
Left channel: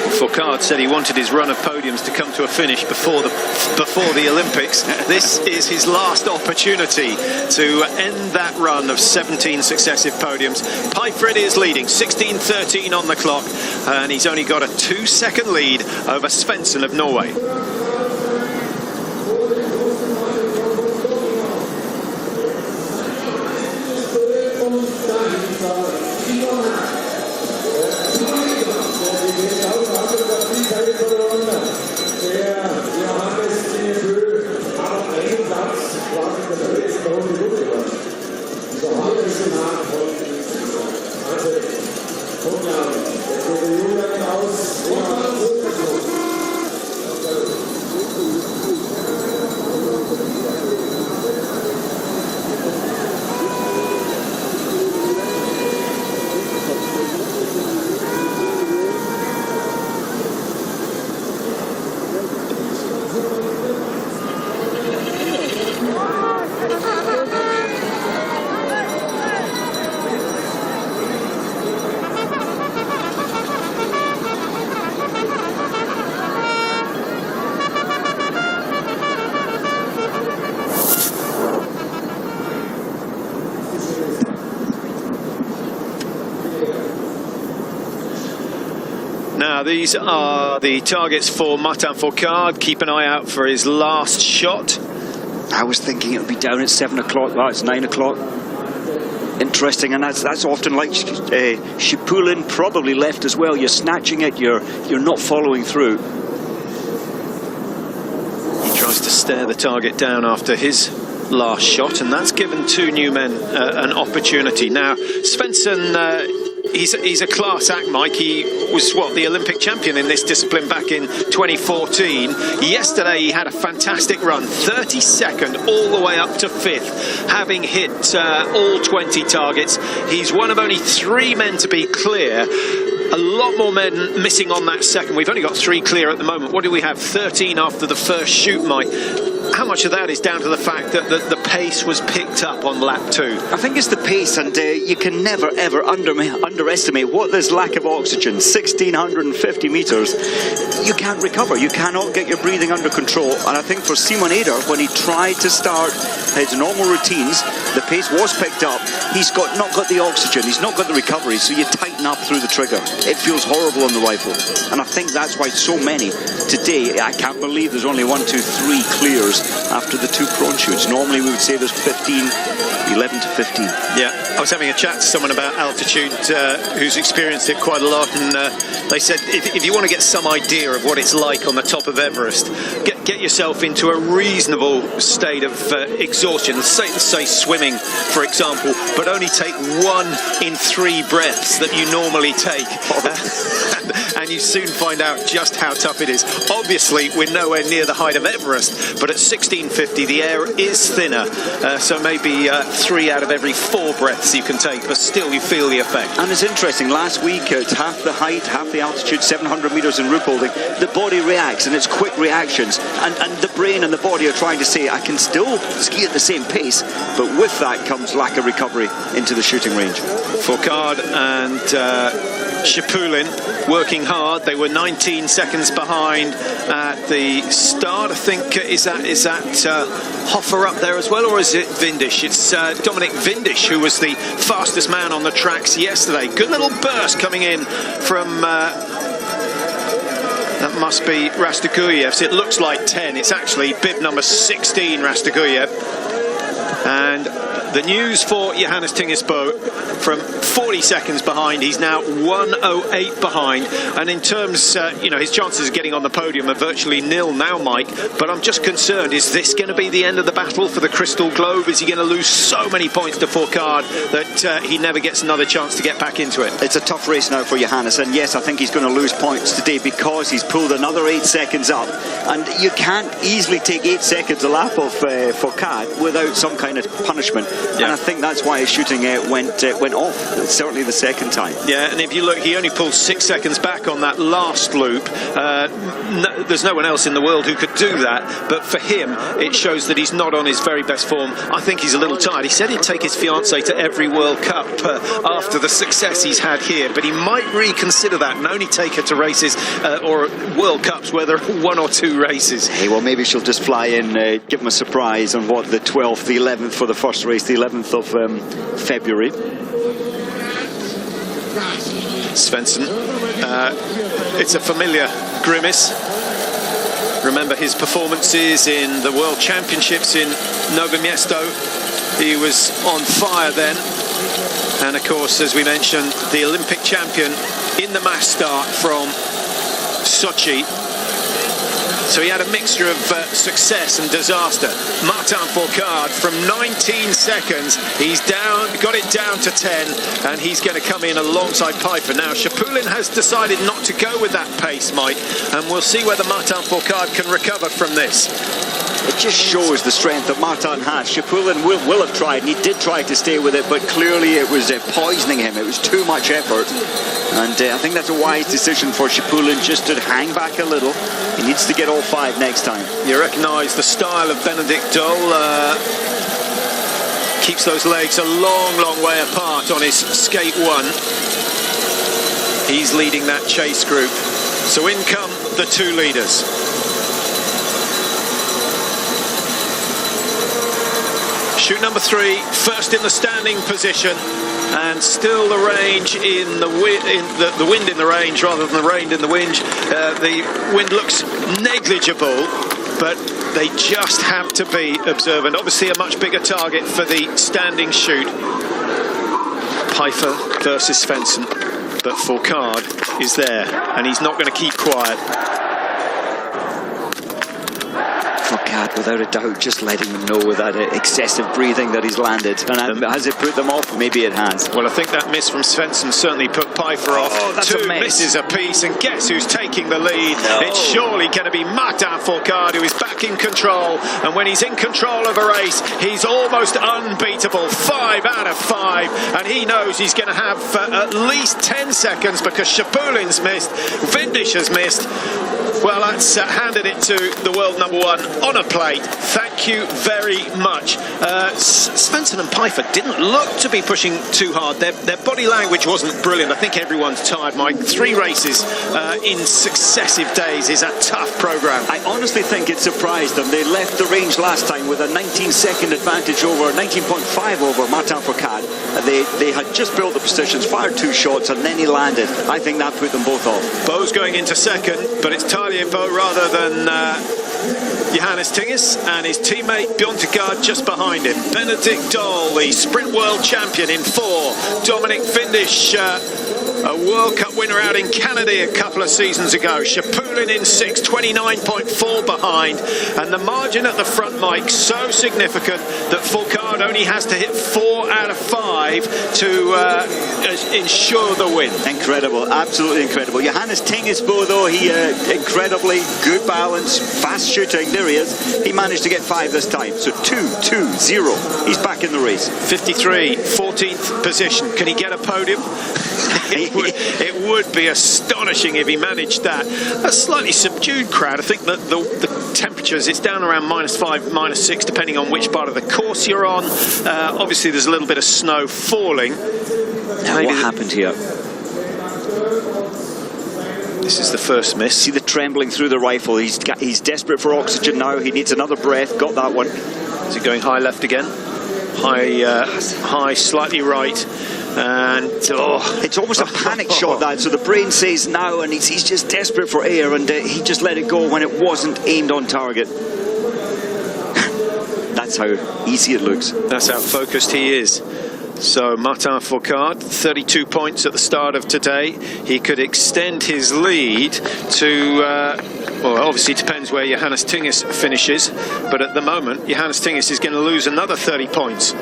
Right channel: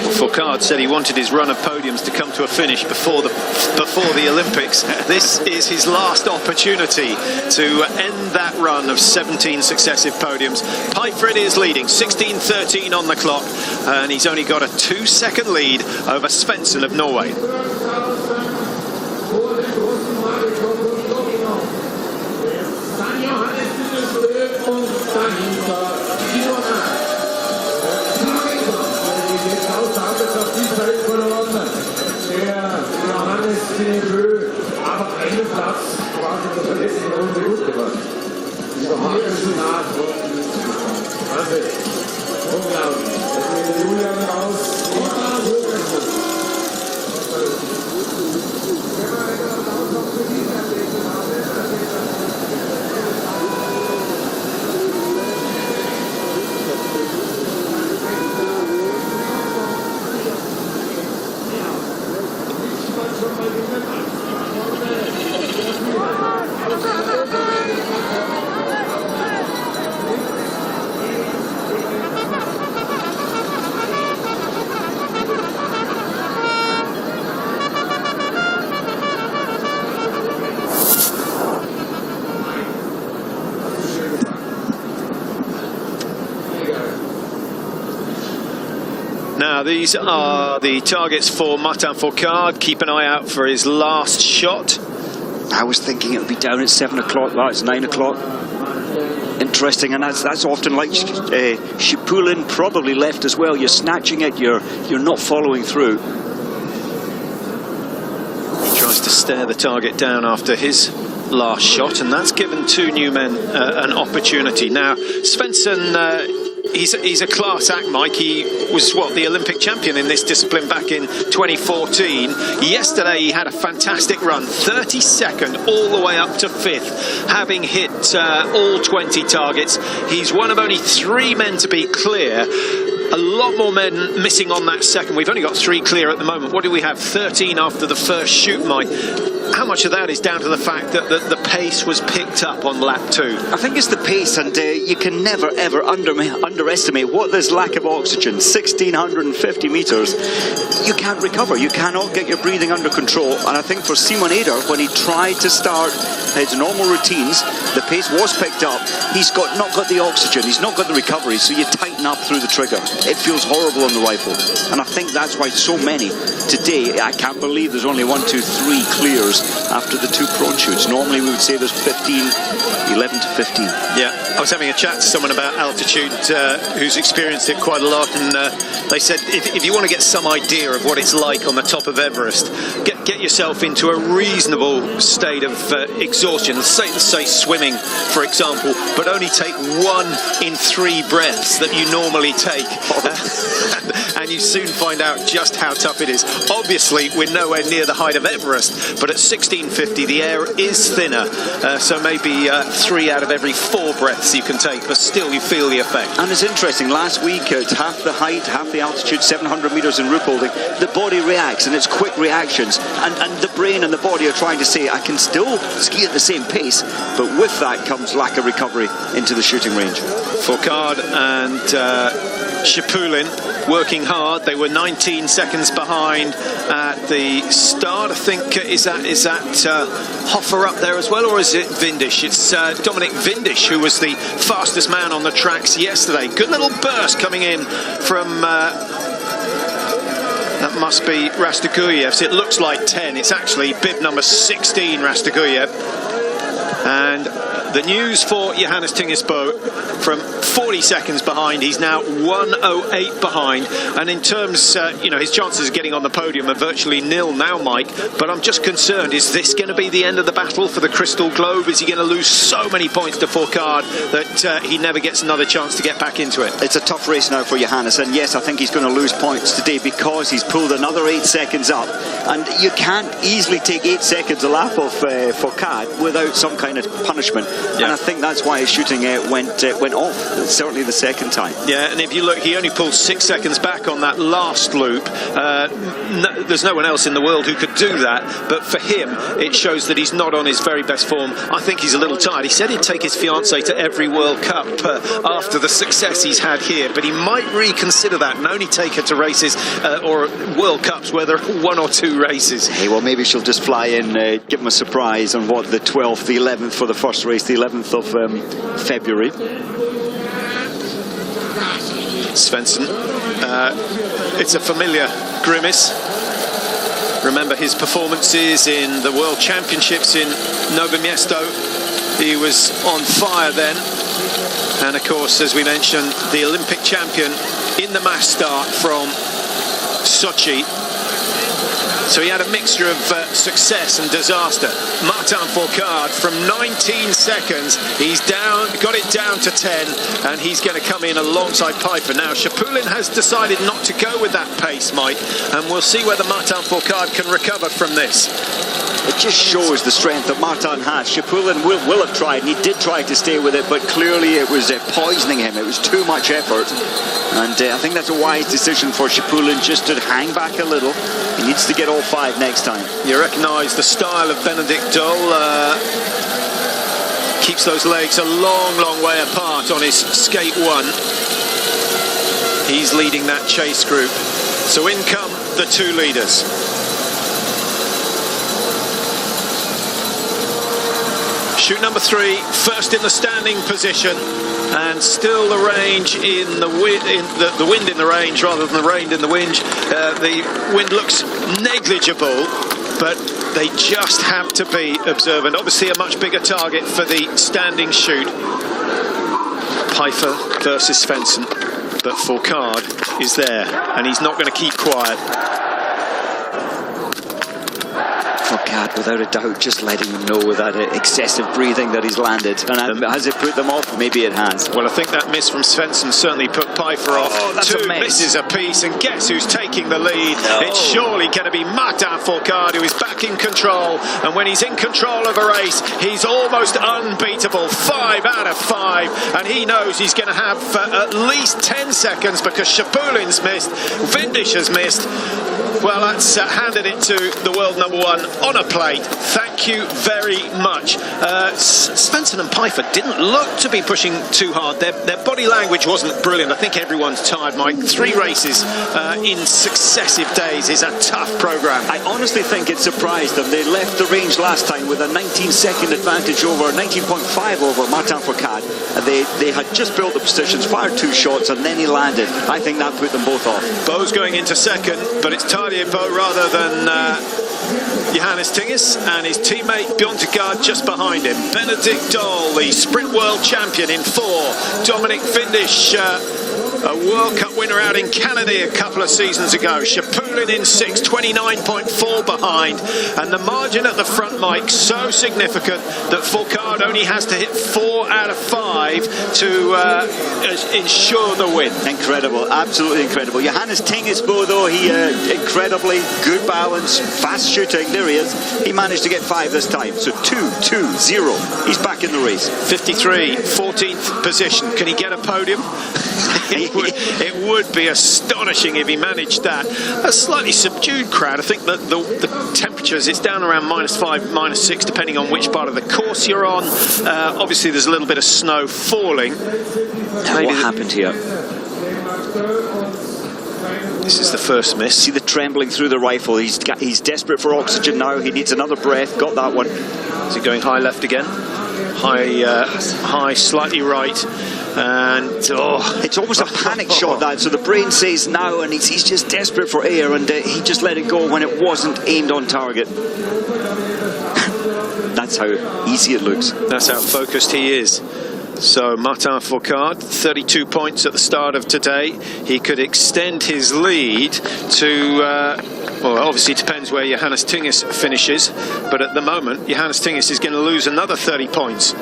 Well, Fourcade said he wanted his run of podiums to come to a finish before the Olympics. This is his last opportunity to end that run of 17 successive podiums. Pijfrid is leading, 16:13 on the clock, and he's only got a 2-second lead over Svensson of Norway. Now, these are the targets for Martin Fourcade. Keep an eye out for his last shot. I was thinking it would be down at 7 o'clock. Well, it's 9 o'clock. Interesting, and that's often like Schipulin probably left as well. You're snatching it, you're not following through. He tries to stare the target down after his last shot, and that's given 2 new men an opportunity. Now, Svensson, he's a class act, Mike. He was, the Olympic champion in this discipline back in 2014. Yesterday he had a fantastic run, 32nd all the way up to 5th, having hit all 20 targets. He's one of only 3 men to be clear. A lot more men missing on that second. We've only got 3 clear at the moment. What do we have? 13 after the first shoot, Mike. How much of that is down to the fact that the pace was picked up on lap 2? I think it's the pace, and you can never ever underestimate what this lack of oxygen, 1650 meters, you can't recover. You cannot get your breathing under control. And I think for Simon Eder, when he tried to start his normal routines, the pace was picked up. He's not got the oxygen, he's not got the recovery, so you tighten up through the trigger. It feels horrible on the rifle, and I think that's why so many today, I can't believe there's only 1, 2, 3 clears after the 2 prone shoots. Normally we would say there's 11 to 15. Yeah, I was having a chat to someone about altitude who's experienced it quite a lot, and they said if you want to get some idea of what it's like on the top of Everest, get yourself into a reasonable state of exhaustion. Let's say swimming, for example, but only take 1 in 3 breaths that you normally take. And you soon find out just how tough it is. Obviously, we're nowhere near the height of Everest, but at 1650, the air is thinner. So maybe 3 out of every 4 breaths you can take, but still you feel the effect. And it's interesting, last week at half the height, half the altitude, 700 meters in Ruhpolding, the body reacts, and it's quick reactions. And the brain and the body are trying to say, I can still ski at the same pace, but with that comes lack of recovery into the shooting range. Fourcade and Schipulin working hard. They were 19 seconds behind at the start. I think is that Hoffer up there as well, or is it Vindish? It's Dominic Vindish who was the fastest man on the tracks yesterday. Good little burst coming in from that must be Rastoguyev. It looks like 10. It's actually bib number 16, Rastoguyev. And the news for Johannes Tingesbo, from 40 seconds behind, he's now 1:08 behind, and in terms, you know, his chances of getting on the podium are virtually nil now, Mike. But I'm just concerned, is this going to be the end of the battle for the Crystal Globe? Is he going to lose so many points to Fourcade that he never gets another chance to get back into it? It's a tough race now for Johannes, and yes, I think he's going to lose points today because he's pulled another 8 seconds up, and you can't easily take 8 seconds a lap of Fourcade without some kind of punishment. Yeah. And I think that's why his shooting went off, certainly the second time. Yeah, and if you look, he only pulled 6 seconds back on that last loop. There's no one else in the world who could do that, but for him it shows that he's not on his very best form. I think he's a little tired. He said he'd take his fiancée to every World Cup after the success he's had here, but he might reconsider that and only take her to races or World Cups where there are 1 or 2 races. Hey, well, maybe she'll just fly in, give him a surprise on what, the 12th, the 11th for the first race, the 11th of February. Svensson, it's a familiar grimace. Remember his performances in the World Championships in Nowe Mesto. He was on fire then. And of course, as we mentioned, the Olympic champion in the mass start from Sochi. So he had a mixture of success and disaster. Martin Fourcade, from 19 seconds, he's got it down to 10, and he's going to come in alongside Pfeiffer. Now, Chapulin has decided not to go with that pace, Mike, and we'll see whether Martin Fourcade can recover from this. It just shows the strength that Martin has. Chapulin will have tried, and he did try to stay with it, but clearly it was poisoning him. It was too much effort, and I think that's a wise decision for Chapulin, just to hang back a little. He needs to get all 5 next time. You recognise the style of Benedict Dole. Keeps those legs a long way apart on his skate 1. He's leading that chase group. So in come the 2 leaders. Chute number 3, first in the standing position, and still the range in the wind in the range rather than the rain in the wind. The wind looks negligible, but they just have to be observant. Obviously a much bigger target for the standing chute. Pfeiffer versus Svensson, but Fourcade is there, and he's not going to keep quiet. Fourcade, without a doubt, just letting them know with that excessive breathing that he's landed. And has it put them off? Maybe it has. Well, I think that miss from Svensson certainly put Pfeiffer off. Oh, that's 2 misses apiece, and guess who's taking the lead? No. It's surely going to be Martin Fourcade, who is back in control. And when he's in control of a race, he's almost unbeatable. 5 out of 5, and he knows he's going to have at least 10 seconds because Chapulin's missed, Vindish has missed. Well, that's handed it to the world number 1 on a plate. Thank you very much. Svensson and Pfeiffer didn't look to be pushing too hard. Their body language wasn't brilliant. I think everyone's tired, Mike. 3 races in successive days is a tough programme. I honestly think it surprised them. They left the range last time with a 19-second advantage over, 19.5 over Martin Fourcade. They had just built the positions, fired 2 shots, and then he landed. I think that put them both off. Bo's going into second, but it's Bo rather than Johannes Tinges, and his teammate Bjørntegard just behind him. Benedict Dole, the sprint world champion in 4. Dominic Vindish, a World Cup winner out in Canada a couple of seasons ago. Chapulin in 6, 29.4 behind. And the margin at the front, Mike, so significant that Fourcade only has to hit 4 out of 5 to ensure the win. Incredible, absolutely incredible. Johannes Tingesbo, though, he incredibly good balance, fast shooting. There he is. He managed to get 5 this time. So 2-2-0. He's back in the race. 53, 14th position. Can he get a podium? It would be astonishing if he managed that. A slightly subdued crowd. I think that the temperatures, it's down around -5, -6, depending on which part of the course you're on. Obviously, there's a little bit of snow falling. Now, what happened here? This is the first miss. See the trembling through the rifle. He's desperate for oxygen now. He needs another breath. Got that one. Is he going high left again? High, slightly right. And it's almost a panic shot, that. So the brain says now, and he's just desperate for air, and he just let it go when it wasn't aimed on target. that's how easy it looks. That's how focused he is. So Martin Fourcade, 32 points at the start of today. He could extend his lead to, well, obviously depends where Johannes Tingis finishes, but at the moment, Johannes Tingis is going to lose another 30 points.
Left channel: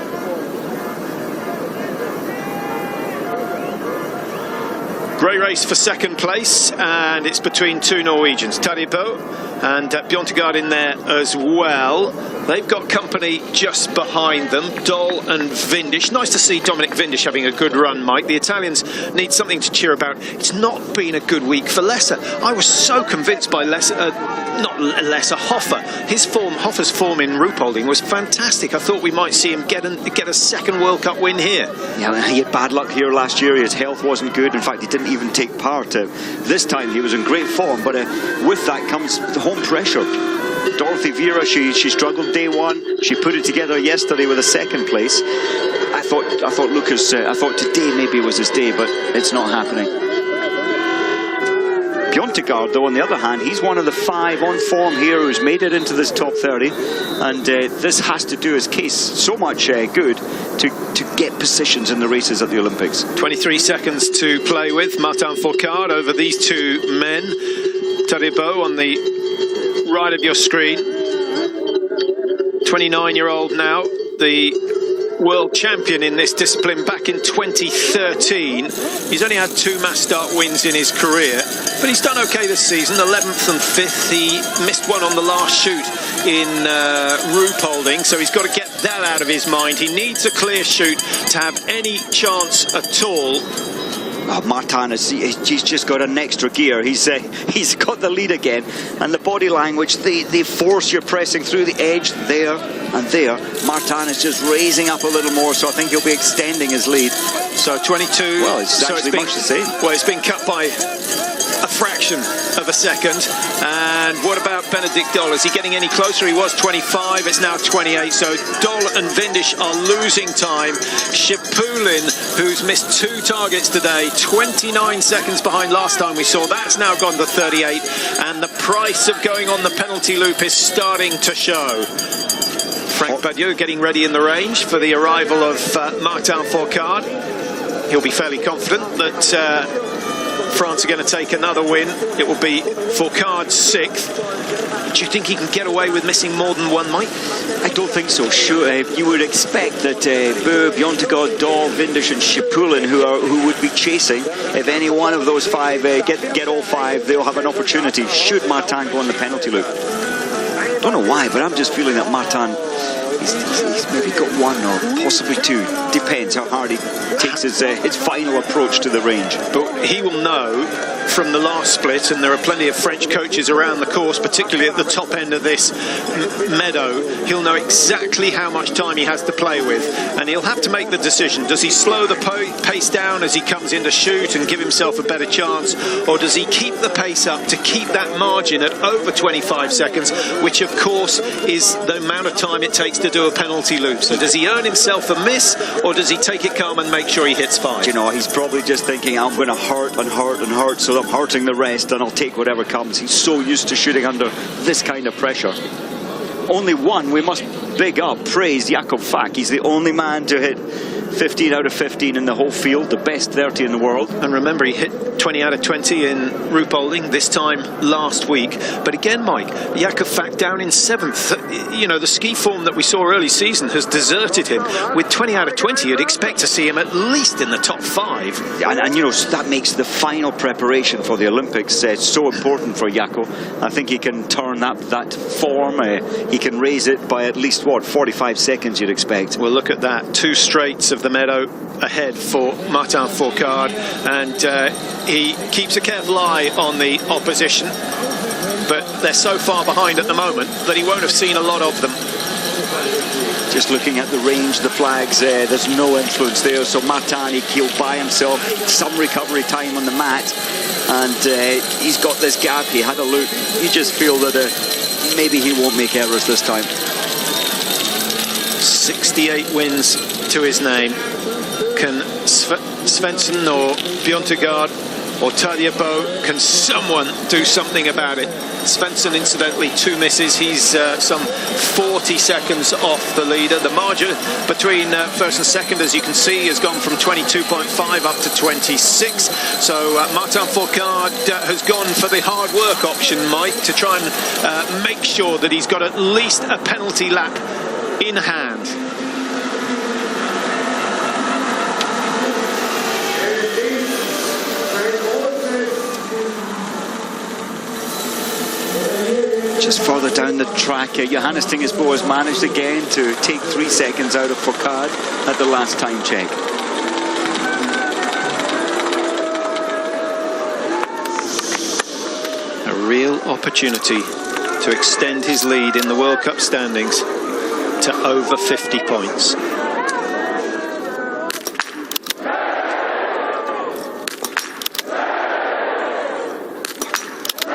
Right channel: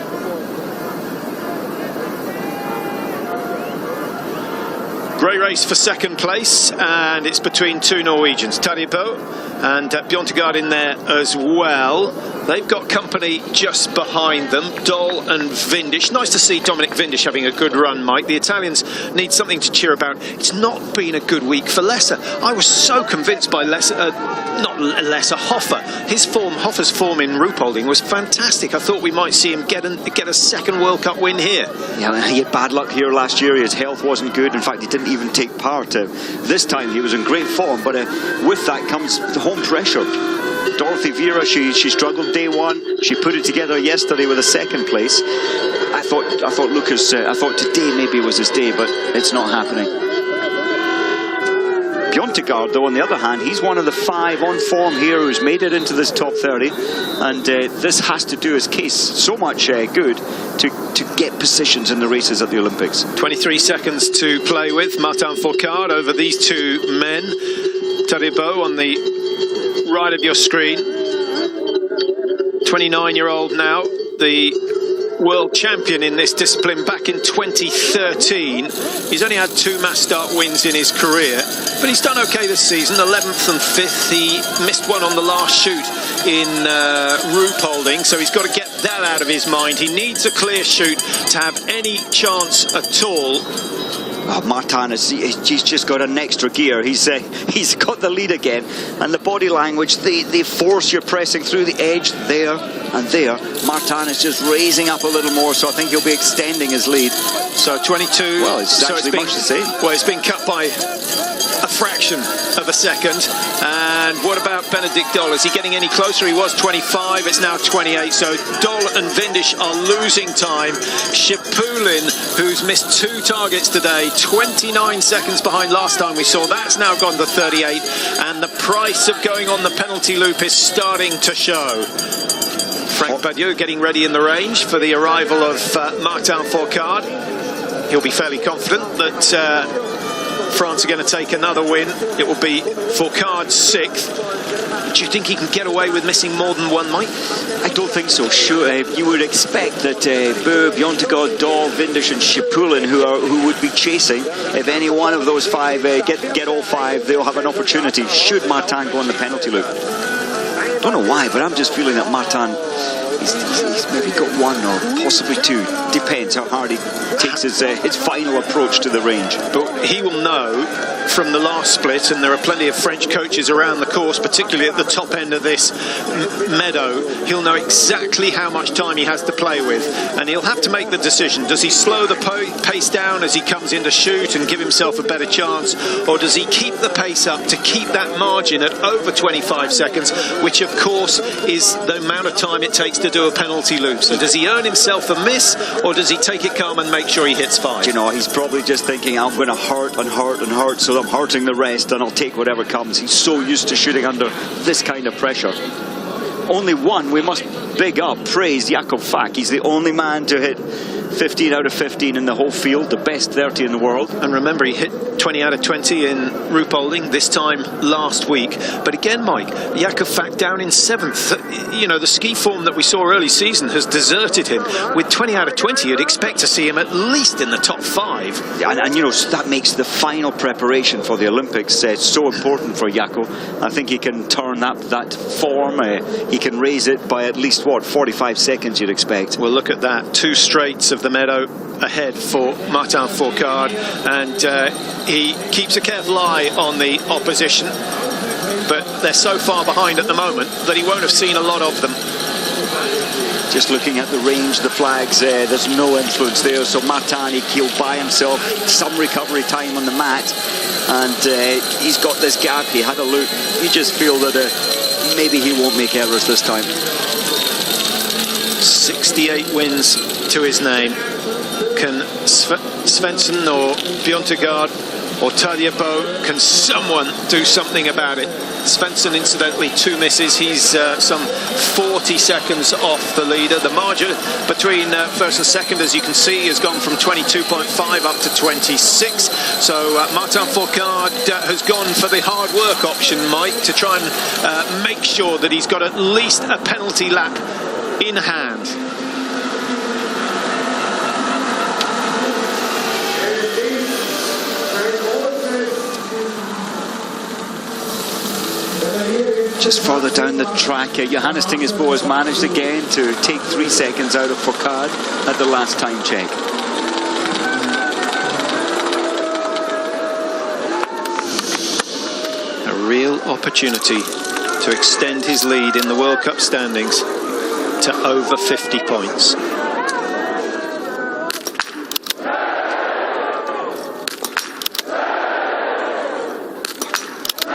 Great race for second place, and it's between two Norwegians, Tadebo and Bjørntegard in there as well. They've got company just behind them, Doll and Vindish. Nice to see Dominic Vindish having a good run, Mike. The Italians need something to cheer about. It's not been a good week for Lesser. I was so convinced by Hoffer. Hoffer's form in Ruhpolding was fantastic. I thought we might see him get a second World Cup win here. Yeah, he had bad luck here last year. His health wasn't good. In fact, he didn't even take part. This time he was in great form, but with that comes the home pressure. Dorothy Vera, she struggled day one. She put it together yesterday with a second place. I thought Lucas, I thought today maybe was his day, but it's not happening. Bjørntegard, though, on the other hand, he's one of the 5 on form here who's made it into this top 30, and this has to do his case so much good to get positions in the races at the Olympics. 23 seconds to play with. Martin Fourcade over these two men. Tadebo on the right of your screen, 29-year-old now, the world champion in this discipline back in 2013. He's only had 2 mass start wins in his career, but he's done okay this season, 11th and 5th. He missed one on the last shoot in Ruhpolding, so he's got to get that out of his mind. He needs a clear shoot to have any chance at all. Oh, Martin, he's just got an extra gear. He's got the lead again, and the body language, they force you pressing through the edge there and there. Martin is just raising up a little more, so I think he'll be extending his lead. So 22. Well, it's actually much the same. Well, it's been cut by a fraction of a second. And what about Benedict Doll? Is he getting any closer? He was 25, it's now 28. So Doll and Vindish are losing time. Schipulin, who's missed 2 targets today, 29 seconds behind last time we saw. That's now gone to 38. And the price of going on the penalty loop is starting to show. Frank Badiou getting ready in the range for the arrival of Martin Fourcade. He'll be fairly confident that France are going to take another win. It will be Fourcade's 6th. Do you think he can get away with missing more than one, Mike? I don't think so. Sure, you would expect that Bö, Bjørntegard, Dahl, Vindish and Schipulin, who would be chasing, if any one of those 5 get all 5, they'll have an opportunity should Martin go on the penalty loop. Don't know why, but I'm just feeling that Martin, he's maybe got 1 or possibly 2. Depends how hard he takes his final approach to the range. But he will know from the last split, and there are plenty of French coaches around the course, particularly at the top end of this meadow. He'll know exactly how much time he has to play with, and he'll have to make the decision. Does he slow the pace down as he comes in to shoot and give himself a better chance, or does he keep the pace up to keep that margin at over 25 seconds, which of course is the amount of time it takes to do a penalty loop? So does he earn himself a miss, or does he take it calm and make sure he hits 5? You know, he's probably just thinking, I'm going to hurt and hurt and hurt, so I'm hurting the rest and I'll take whatever comes. He's so used to shooting under this kind of pressure. Only one, we must big up, praise Jakob Fack. He's the only man to hit 15 out of 15 in the whole field, the best 30 in the world. And remember, he hit 20 out of 20 in Ruhpolding this time last week. But again, Mike, Jakob Fack down in 7th. You know, the ski form that we saw early season has deserted him. With 20 out of 20, you'd expect to see him at least in the top 5. And you know, that makes the final preparation for the Olympics so important for Jakob. I think he can turn up that form. He can raise it by at least, what, 45 seconds you'd expect. Well, look at that. 2 straights of the meadow ahead for Martin Fourcade, and he keeps a careful eye on the opposition, but they're so far behind at the moment that he won't have seen a lot of them. Just looking at the range, the flags, there's no influence there, so Martin, he'll buy himself some recovery time on the mat, and he's got this gap. He had a look. You just feel that maybe he won't make errors this time. 68 wins to his name. Can Svensson or Bjørntegard or Tadej, can someone do something about it? Svensson, incidentally, 2 misses. He's some 40 seconds off the leader. The margin between first and second, as you can see, has gone from 22.5 up to 26. So Martin Fourcade has gone for the hard work option, Mike, to try and make sure that he's got at least a penalty lap in hand. Just further down the track, Johannes Tingesbo has managed again to take 3 seconds out of Fourcade at the last time check. A real opportunity to extend his lead in the World Cup standings to over 50 points.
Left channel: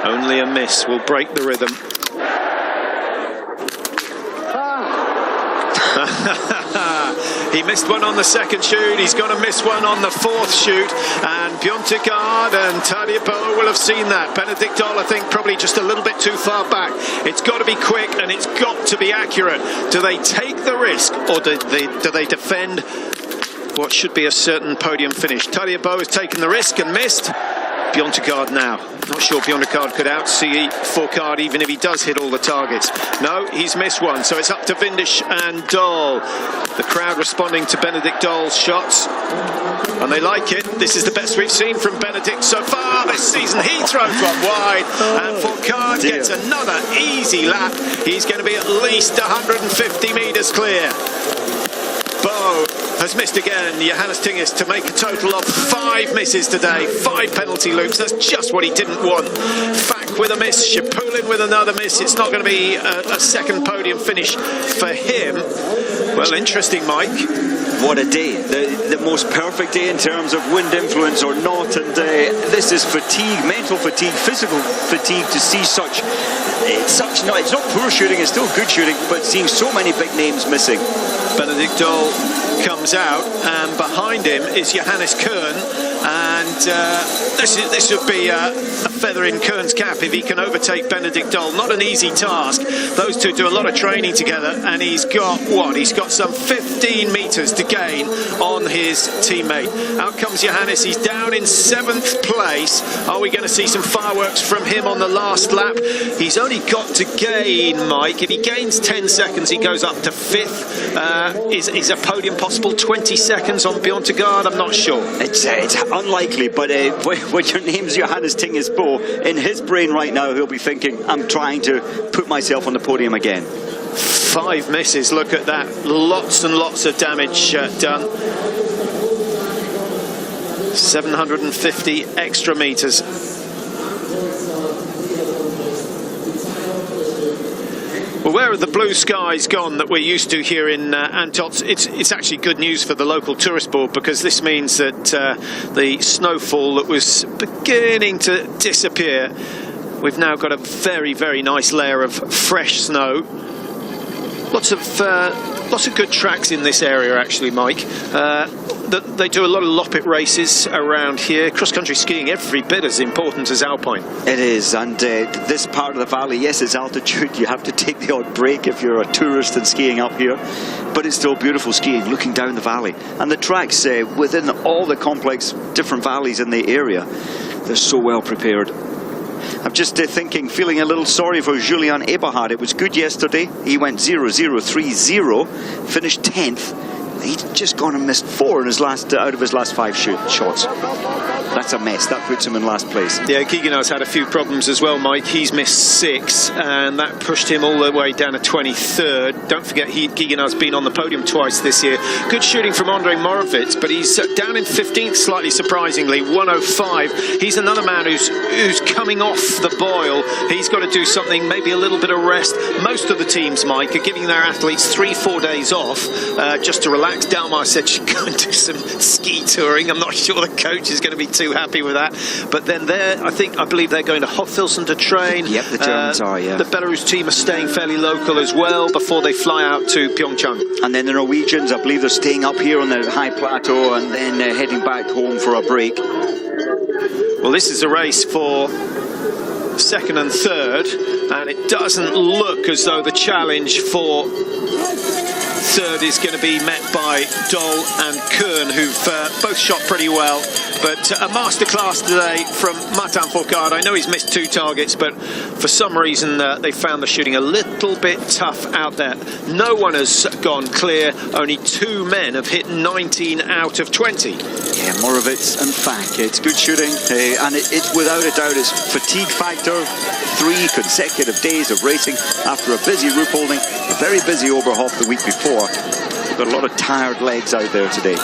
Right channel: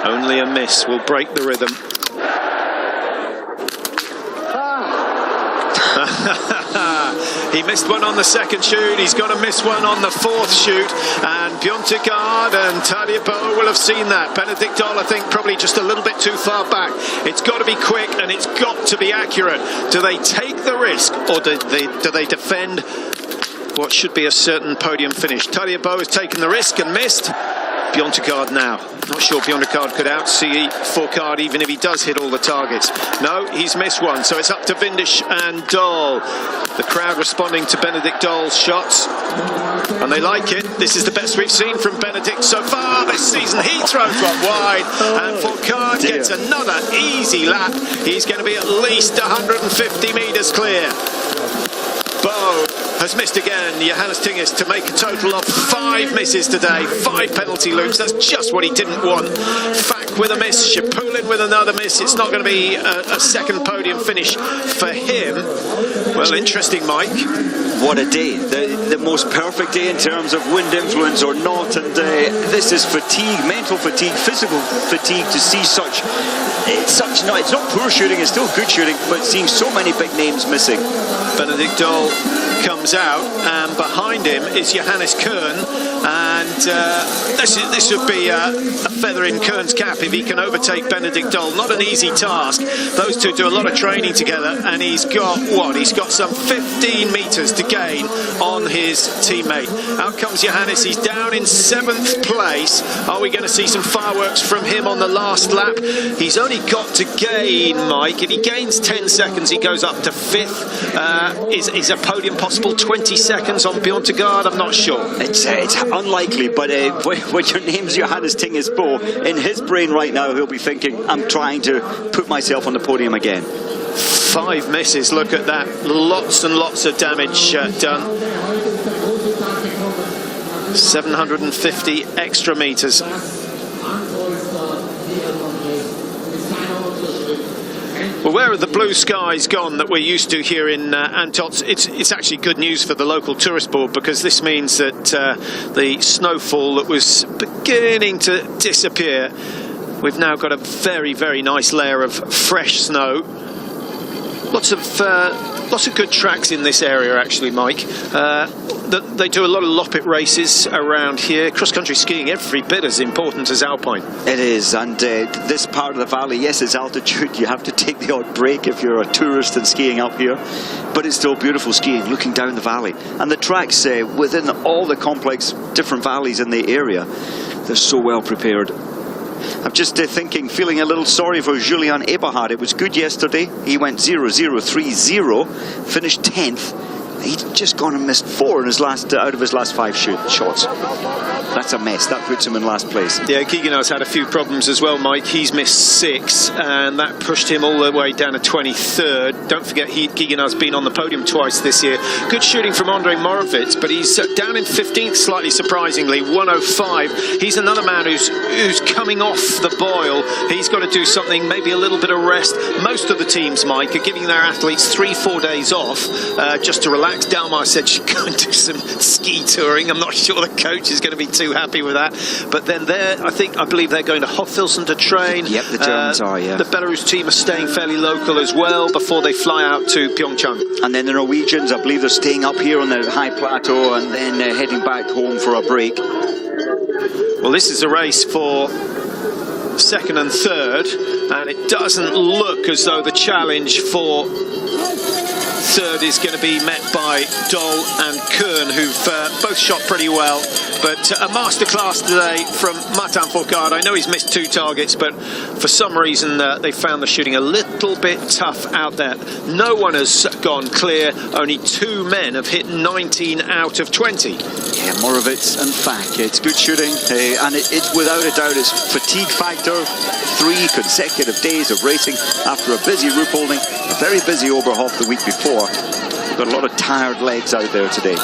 Only a miss will break the rhythm. He missed one on the second shoot. He's got to miss one on the 4th shoot. And Bjørntegard and Tadej will have seen that. Benedikt Dahl, I think, probably just a little bit too far back. It's got to be quick and it's got to be accurate. Do they take the risk, or do they defend what should be a certain podium finish? Tadej has taken the risk and missed. Bjørntegard now. Not sure Bjørntegard could outsee Fourcade even if he does hit all the targets. No, he's missed one. So it's up to Vindish and Dahl. The crowd responding to Benedikt Dahl's shots. And they like it. This is the best we've seen from Benedikt so far this season. He throws one wide. And Fourcade gets another easy lap. He's going to be at least 150 metres clear. Bo has missed again. Johannes Tinges to make a total of 5 misses today. 5 penalty loops. That's just what he didn't want. Fack with a miss. Shapulin with another miss. It's not going to be a second podium finish for him. Well, interesting, Mike. What a day. The most perfect day in terms of wind influence or not. And this is fatigue, mental fatigue, physical fatigue to see such... It's not poor shooting, it's still good shooting, but seeing so many big names missing. Benedikt Dahl comes out, and behind him is Johannes Kern, and this would be a feather in Kern's cap if he can overtake Benedikt Dahl. Not an easy task. Those two do a lot of training together, and he's got what? He's got some 15 metres to gain on his teammate. Out comes Johannes. He's down in 7th place. Are we going to see some fireworks from him on the last lap? He's only got to gain, Mike. If he gains 10 seconds, he goes up to 5th. Is a podium possible? 20 seconds on Bjørntegard? I'm not sure. It's unlikely, but when your name's Johannes Tingesbo, in his brain right now, he'll be thinking, I'm trying to put myself on the podium again. 5 misses, look at that. Lots and lots of damage done. 750 extra metres. Well, where are the blue skies gone that we're used to here in Antolz? It's actually good news for the local tourist board, because this means that the snowfall that was beginning to disappear, we've now got a very, very nice layer of fresh snow. Lots of good tracks in this area, actually, Mike. They do a lot of Loppet races around here. Cross-country skiing every bit as important as alpine. It is, and this part of the valley, yes, it's altitude. You have to take the odd break if you're a tourist and skiing up here. But it's still beautiful skiing, looking down the valley. And the tracks within all the complex different valleys in the area, they're so well prepared. I'm just feeling a little sorry for Julian Eberhard. It was good yesterday. He went 0-0-3-0, finished 10th. He's just gone and missed 4 in his out of his last 5 shots. That's a mess. That puts him in last place. Yeah, Giganar's had a few problems as well, Mike. He's missed 6, and that pushed him all the way down to 23rd. Don't forget, Giganar's been on the podium twice this year. Good shooting from Andrei Morovitz, but he's down in 15th, slightly surprisingly, 105. He's another man who's coming off the boil. He's got to do something, maybe a little bit of rest. Most of the teams, Mike, are giving their athletes 3-4 days off just to relax. Dalmar said she'd go and do some ski touring. I'm not sure the coach is going to be too happy with that. But then I believe they're going to Hofilsen to train. Yep, the Germans are, yeah. The Belarus team are staying fairly local as well before they fly out to Pyeongchang. And then the Norwegians, I believe they're staying up here on the high plateau and then heading back home for a break. Well, this is a race for second and third, and it doesn't look as though the challenge for third is going to be met by Dole and Kern, who've both shot pretty well. But a masterclass today from Martin Fourcade. I know he's missed 2 targets, but for some reason they found the shooting a little bit tough out there. No one has gone clear. Only 2 men have hit 19 out of 20. Yeah, Morovitz and Fak. It's good shooting, and it's without a doubt its fatigue factor. 3 consecutive days of racing after a busy Ruhpolding, a very busy Oberhof the week before. We've got a lot of tired legs out there today.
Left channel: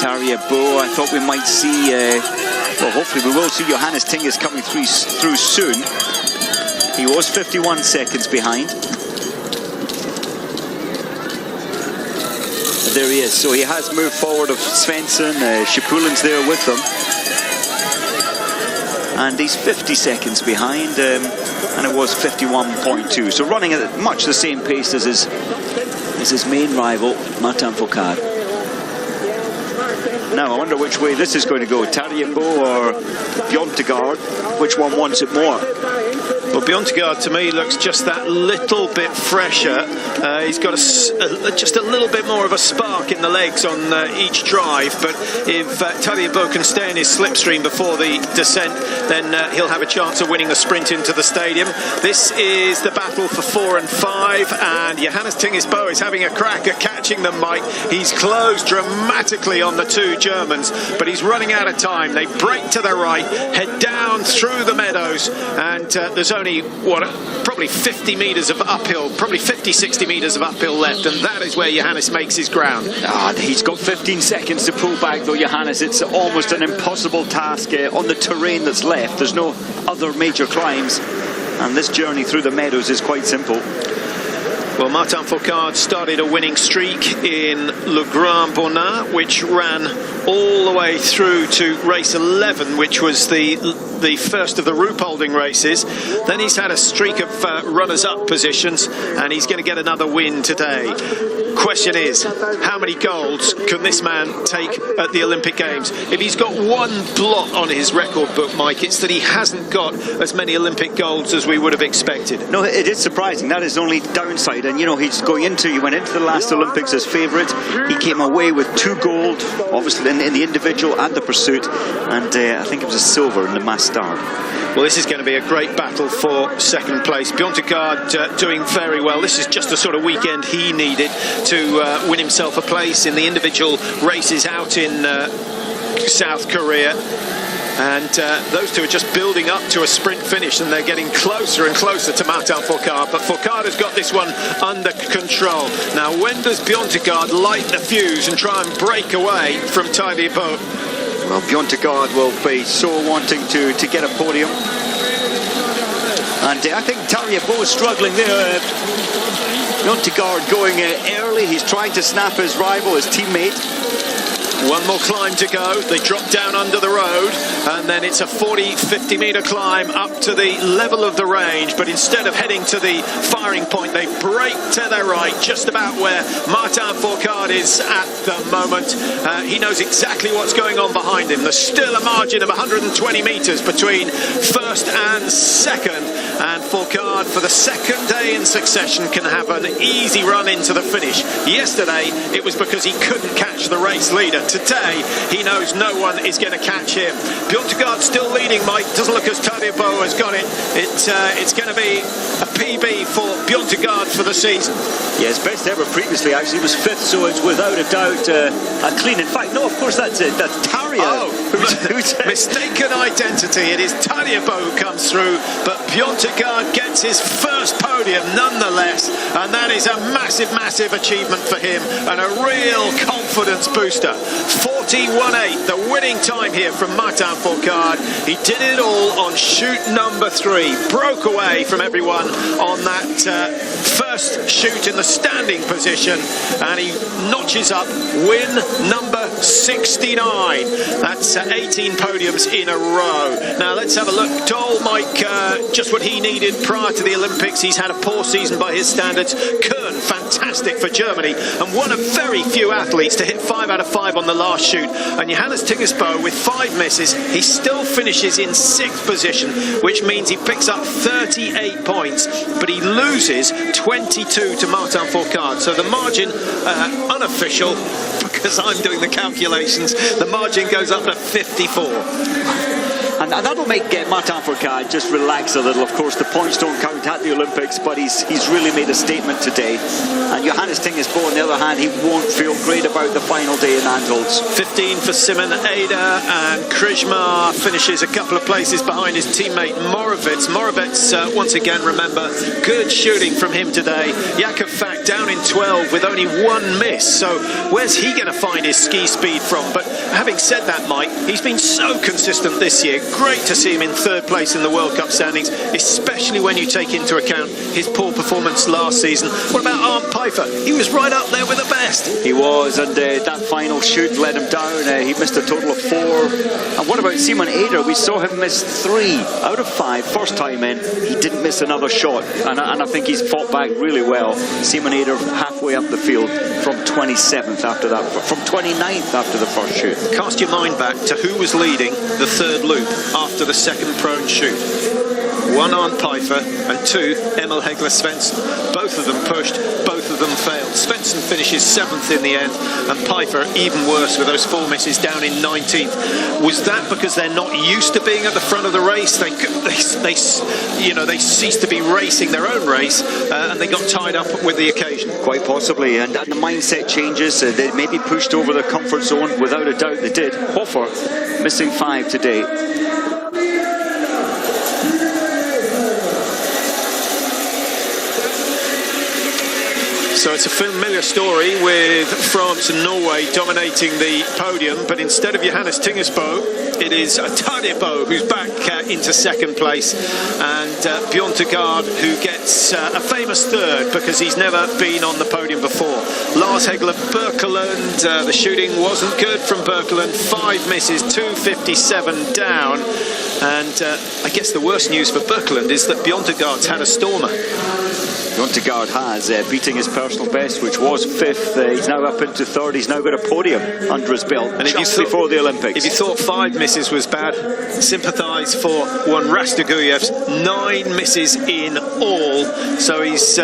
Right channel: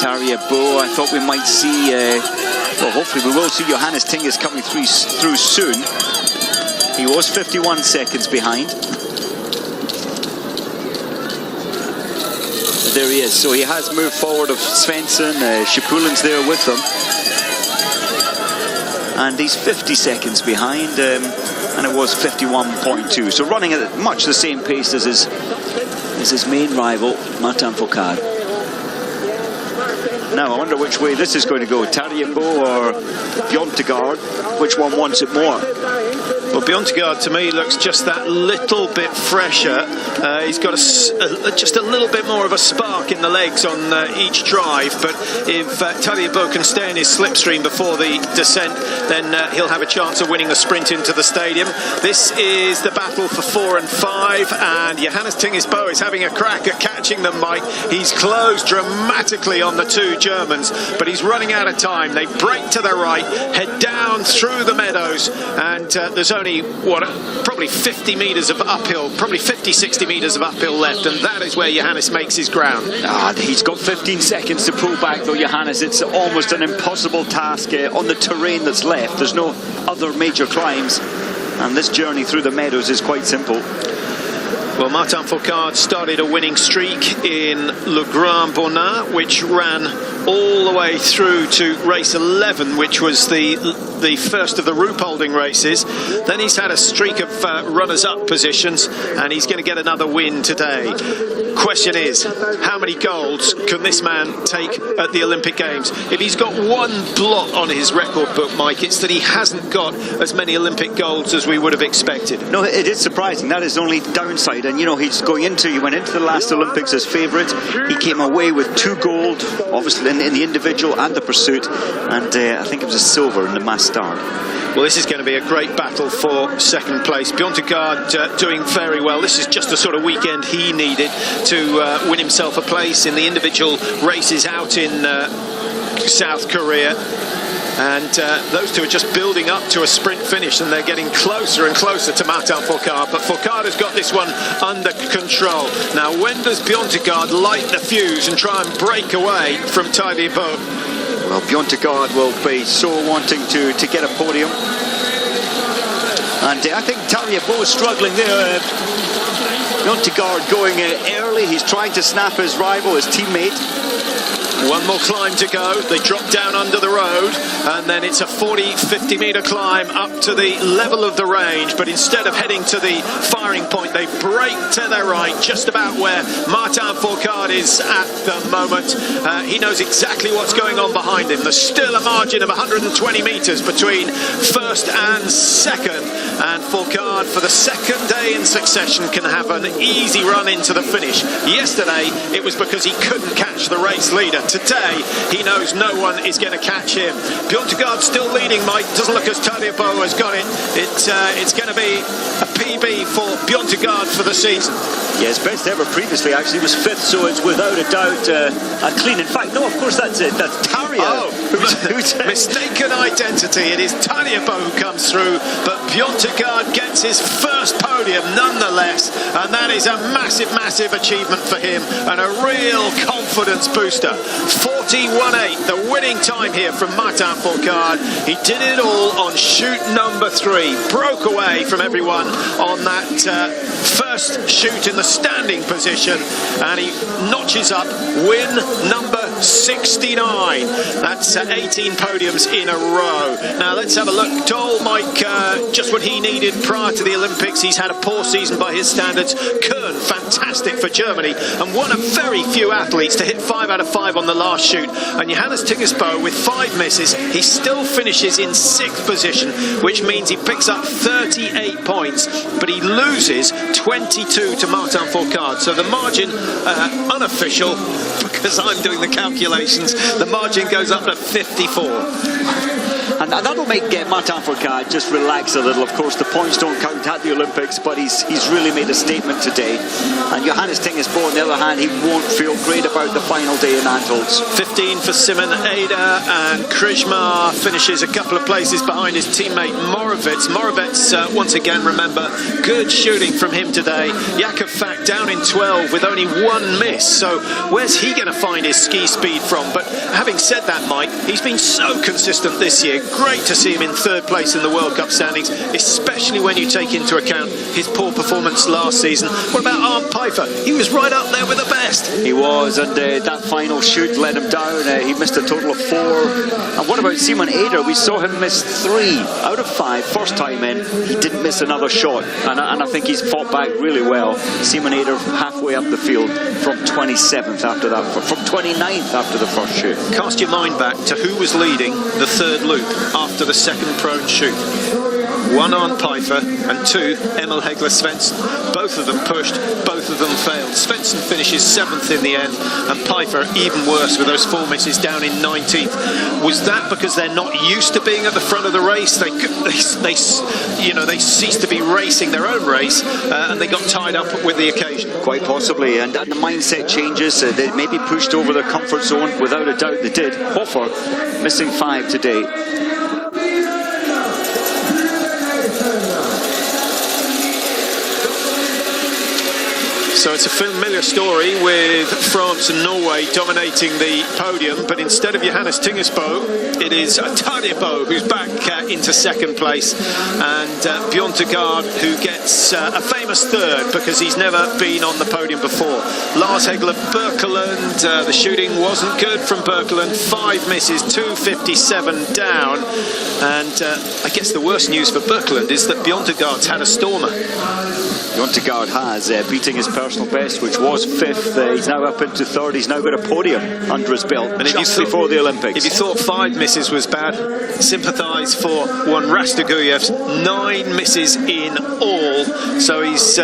Tarja Bo, I thought we might see, well, hopefully we will see Johannes Tingis coming through soon. He was 51 seconds behind. But there he is, so he has moved forward of Svensson, Shipulin's there with them. And he's 50 seconds behind, and it was 51.2. So running at much the same pace as his main rival, Martin Fourcade. Now I wonder which way this is going to go, Tarja Bo or Bjørntegard. Which one wants it more? Well, Bjørntegard to me looks just that little bit fresher. He's got just a little bit more of a spark in the legs on each drive, but if Tarja Bo can stay in his slipstream before the descent, then he'll have a chance of winning the sprint into the stadium. This is the battle for 4 and 5, and Johannes Tingis Bo is having a crack at catching them, Mike. He's closed dramatically on the 2 Germans, but he's running out of time. They break to the right, head down through the meadows, and there's only, probably 50 metres of uphill, probably 50-60 metres of uphill left, and that is where Johannes makes his ground. He's got 15 seconds to pull back though, Johannes. It's almost an impossible task on the terrain that's left. There's no other major climbs, and this journey through the meadows is quite simple. Well, Martin Fourcade started a winning streak in Le Grand Bonnat, which ran all the way through to race 11, which was the first of the Ruhpolding races. Then he's had a streak of runners-up positions, and he's going to get another win today. Question is, how many golds can this man take at the Olympic Games? If he's got one blot on his record book, Mike, it's that he hasn't got as many Olympic golds as we would have expected. No, it is surprising. That is the only downside. And you know, he went into the last Olympics as favourite. He came away with 2 gold, obviously in the individual and the pursuit, and I think it was a silver in the mass start. Well, this is going to be a great battle for second place. Bjørntegard doing very well. This is just the sort of weekend he needed to win himself a place in the individual races out in South Korea. And those 2 are just building up to a sprint finish, and they're getting closer and closer to Martin Fourcade. But Fourcade has got this one under control. Now, when does Bjørntegard light the fuse and try and break away from Tarja Bo? Well, Bjørntegard will be so wanting to get a podium. And I think Tarja Bo is struggling there. Bjørntegard going early. He's trying to snap his rival, his teammate. One more climb to go. They drop down under the road, and then it's a 40-50 metre climb up to the level of the range. But instead of heading to the firing point, they break to their right, just about where Martin Fourcade is at the moment. He knows exactly what's going on behind him. There's still a margin of 120 metres between first and second, and Fourcade, for the second day in succession, can have an easy run into the finish. Yesterday, it was because he couldn't catch the race leader. Today, he knows no one is going to catch him. Bjørntegard still leading, Mike. Doesn't look as Tarja Bo has got it. It's going to be a PB for Bjørntegard for the season. Yeah, his best ever previously actually was 5th, so it's without a doubt a clean. In fact, no, of course that's Tarja. Oh, mistaken identity. It is Tarja Bo who comes through, but Bjørntegard gets his first podium nonetheless, and that is a massive, massive achievement for him and a real confidence booster. 41.8, the winning time here from Martin Fourcade. He did it all on shoot number 3, broke away from everyone on that first shoot in the standing position, and he notches up win number 69. That's 18 podiums in a row. Now let's have a look. Dole, Mike, just what he needed prior to the Olympics. He's had a poor season by his standards. Kern, fantastic for Germany, and one of very few athletes to hit 5 out of 5 on on the last shoot. And Johannes Tingesbo, with 5 misses, he still finishes in 6th position, which means he picks up 38 points, but he loses 22 to Martin Fourcade. So the margin, unofficial, because I'm doing the calculations, the margin goes up to 54. And that'll make Martin Fourcade just relax a little. Of course, the points don't count at the Olympics, but he's really made a statement today. And Johannes Tingesbo, on the other hand, he won't feel great about the final day in Antholz. 15 for Simon Eder, and Krishma finishes a couple of places behind his teammate Morovitz. Morovitz, once again, remember, good shooting from him today. Jakub Fak down in 12 with only 1 miss. So where's he going to find his ski speed from? But having said that, Mike, he's been so consistent this year. Great to see him in 3rd place in the World Cup standings, especially when you take into account his poor performance last season. What about Arndt Pfeiffer? He was right up there with the best. He was, and that final shoot let him down. He missed a total of 4. And what about Simon Eder? We saw him miss 3 out of 5 first time in. He didn't miss another shot, and I think he's fought back really well. Simon Eder halfway up the field from 27th after that, from 29th after the first shoot. Cast your mind back to who was leading the 3rd loop after the 2nd prone shoot. 1 Arndt Pfeiffer and 2 Emil Hegler Svensson. Both of them pushed, both of them failed. Svensson finishes 7th in the end, and Pfeiffer even worse with those 4 misses, down in 19th. Was that because they're not used to being at the front of the race? They ceased to be racing their own race, and they got tied up with the occasion. Quite possibly, and the mindset changes. They maybe pushed over their comfort zone. Without a doubt, they did. Hofer missing 5 today. So it's a familiar story with France and Norway dominating the podium, but instead of Johannes Tingesbo, it is Tadebo who's back into 2nd place, and Bjørn Tegard, who gets a famous 3rd because he's never been on the podium before. Lars Hegler Birkeland, the shooting wasn't good from Birkeland, 5 misses, 257 down, and I guess the worst news for Birkeland is that Bjørn Tegard's had a stormer. Bjørn Tegard has, beating his personal best, which was 5th. He's now up into 3rd. He's now got a podium under his belt, and just before the Olympics. If you thought 5 misses was bad, sympathise for one Rastaguyev's 9 misses in all. So he's,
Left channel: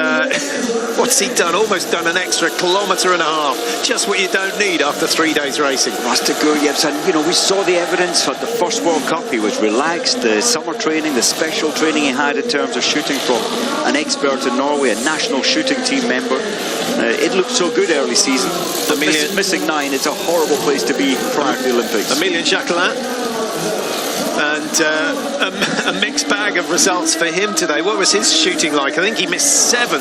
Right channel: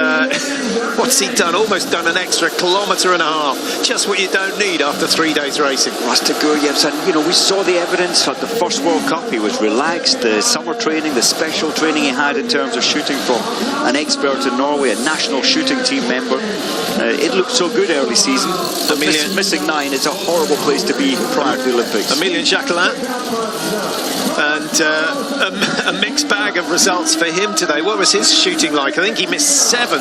what's he done? Almost done an extra 1.5 kilometres. Just what you don't need after 3 days racing. Rastaguyev's, and you know, we saw the evidence at the first World Cup. He was relaxed. The summer training, the special training he had in terms of shooting from an expert in Norway, a national shooting team member. It looked so good early season. Missing 9 is a horrible place to be prior to the Olympics. Emilien Jacquelin, and a mixed bag of results for him today. What was his shooting like? I think he missed 7.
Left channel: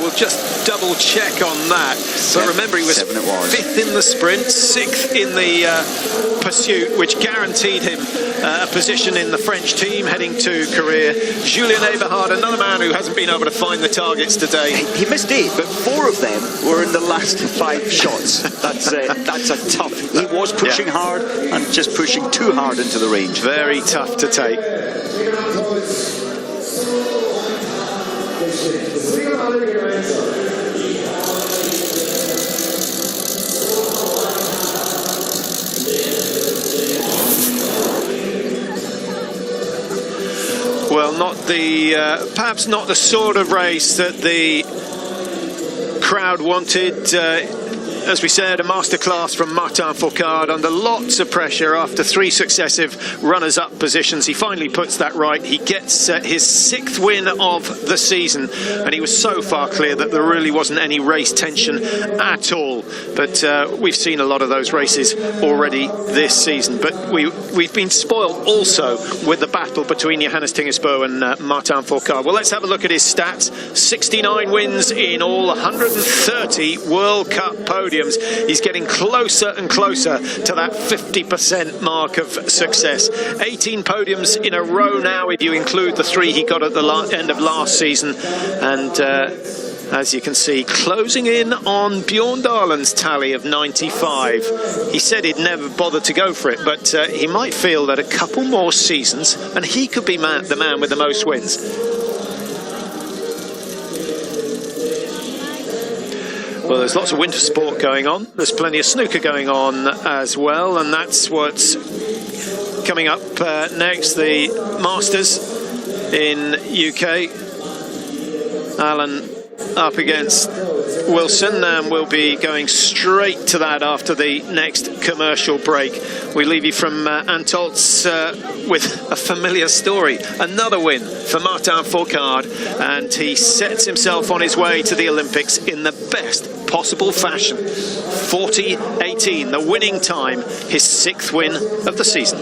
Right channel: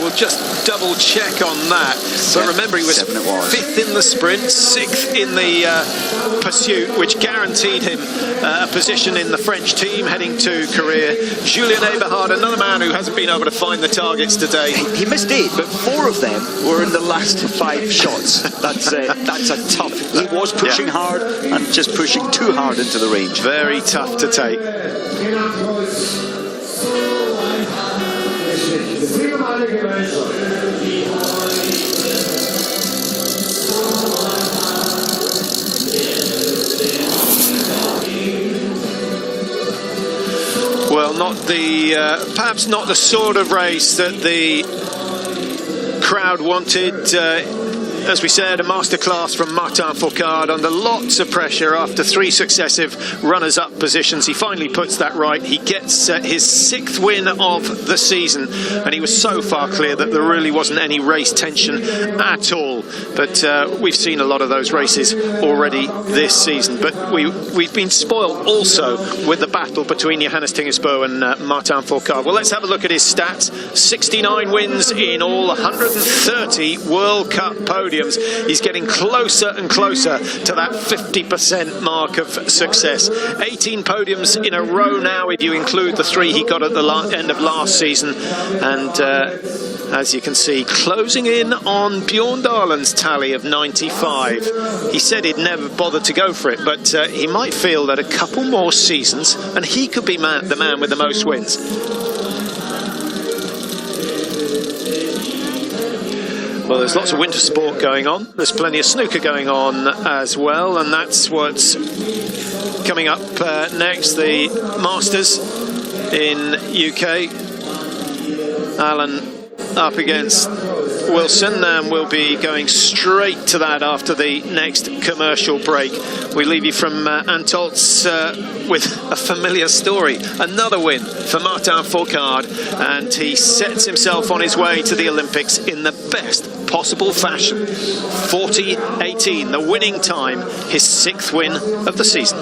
We'll just double check on that. But remember, he was 5th in the sprint, 6th in the pursuit, which guaranteed him a position in the French team heading to Korea. Julien Eberhard, another man who hasn't been able to find the targets today. He missed 8, but 4 of them were in the last 5 shots. That's a tough. He was pushing hard and just pushing too hard into the range. Very tough to take. Well, not the perhaps not the sort of race that the crowd wanted. As we said, a masterclass from Martin Fourcade under lots of pressure after 3 successive runners-up positions. He finally puts that right. He gets his 6th win of the season, and he was so far clear that there really wasn't any race tension at all. But we've seen a lot of those races already this season. But we've been spoiled also with the battle between Johannes Tingesbo and Martin Fourcade. Well, let's have a look at his stats. 69 wins in all, 130 World Cup podiums. He's getting closer and closer to that 50% mark of success. 18 podiums in a row now, if you include the 3 he got at the end of last season. And as you can see, closing in on Bjørn Dahlen's tally of 95. He said he'd never bothered to go for it, but he might feel that a couple more seasons and he could be the man with the most wins. Well, there's lots of winter sport going on. There's plenty of snooker going on as well, and that's what's coming up next. The Masters in UK. Alan up against Wilson, and we'll be going straight to that after the next commercial break. We leave you from Antolz with a familiar story. Another win for Martin Fourcade, and he sets himself on his way to the Olympics in the best possible fashion. 40:18, the winning time, his 6th win of the season.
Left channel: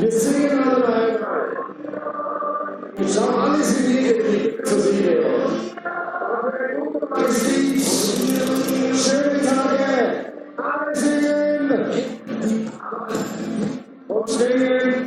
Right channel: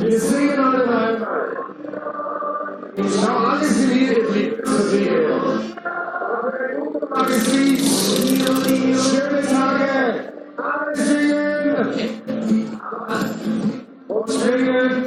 Wir singen alle rein. Ich habe alles geliebt, zu sehen. Aber der gute Maxi, schöne Tage, alles lieben und schwingen.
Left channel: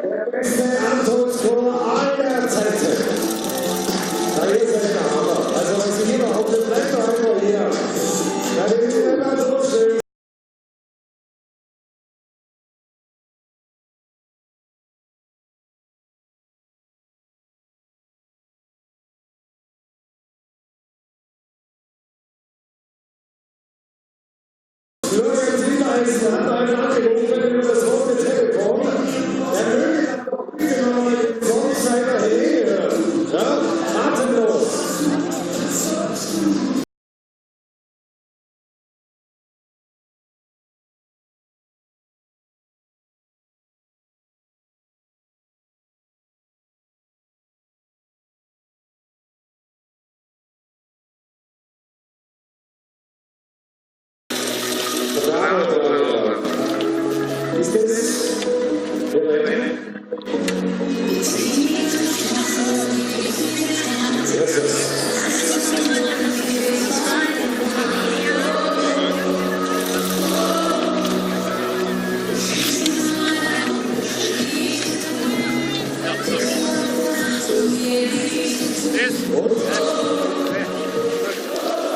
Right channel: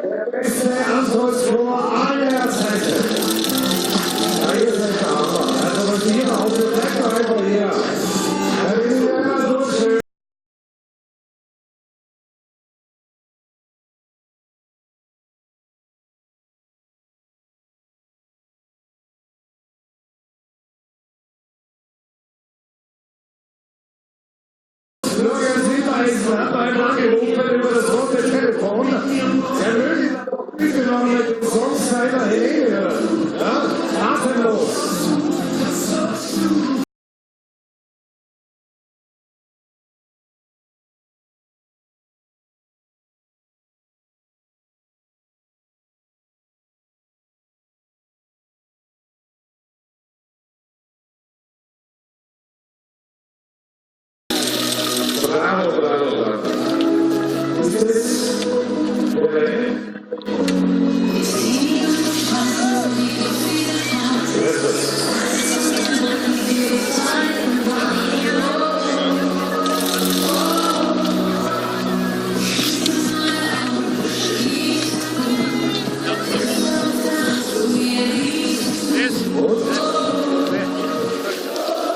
Der beste Antworttor aller Zeiten. Da ist er aber. Also hier auf dem Lecker hier. Da ist er so schön.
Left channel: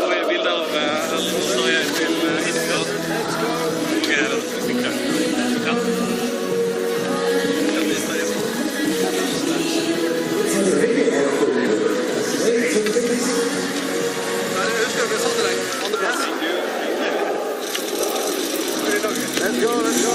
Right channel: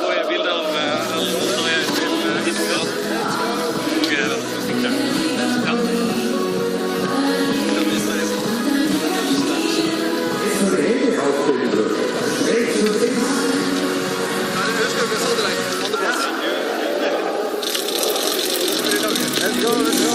Får jag bilder av alla när jag är till Instagram? Okej, då fick jag. Ja. Jag visar det. Hur ska vi sätta dig? On the bus. Let's go, let's go.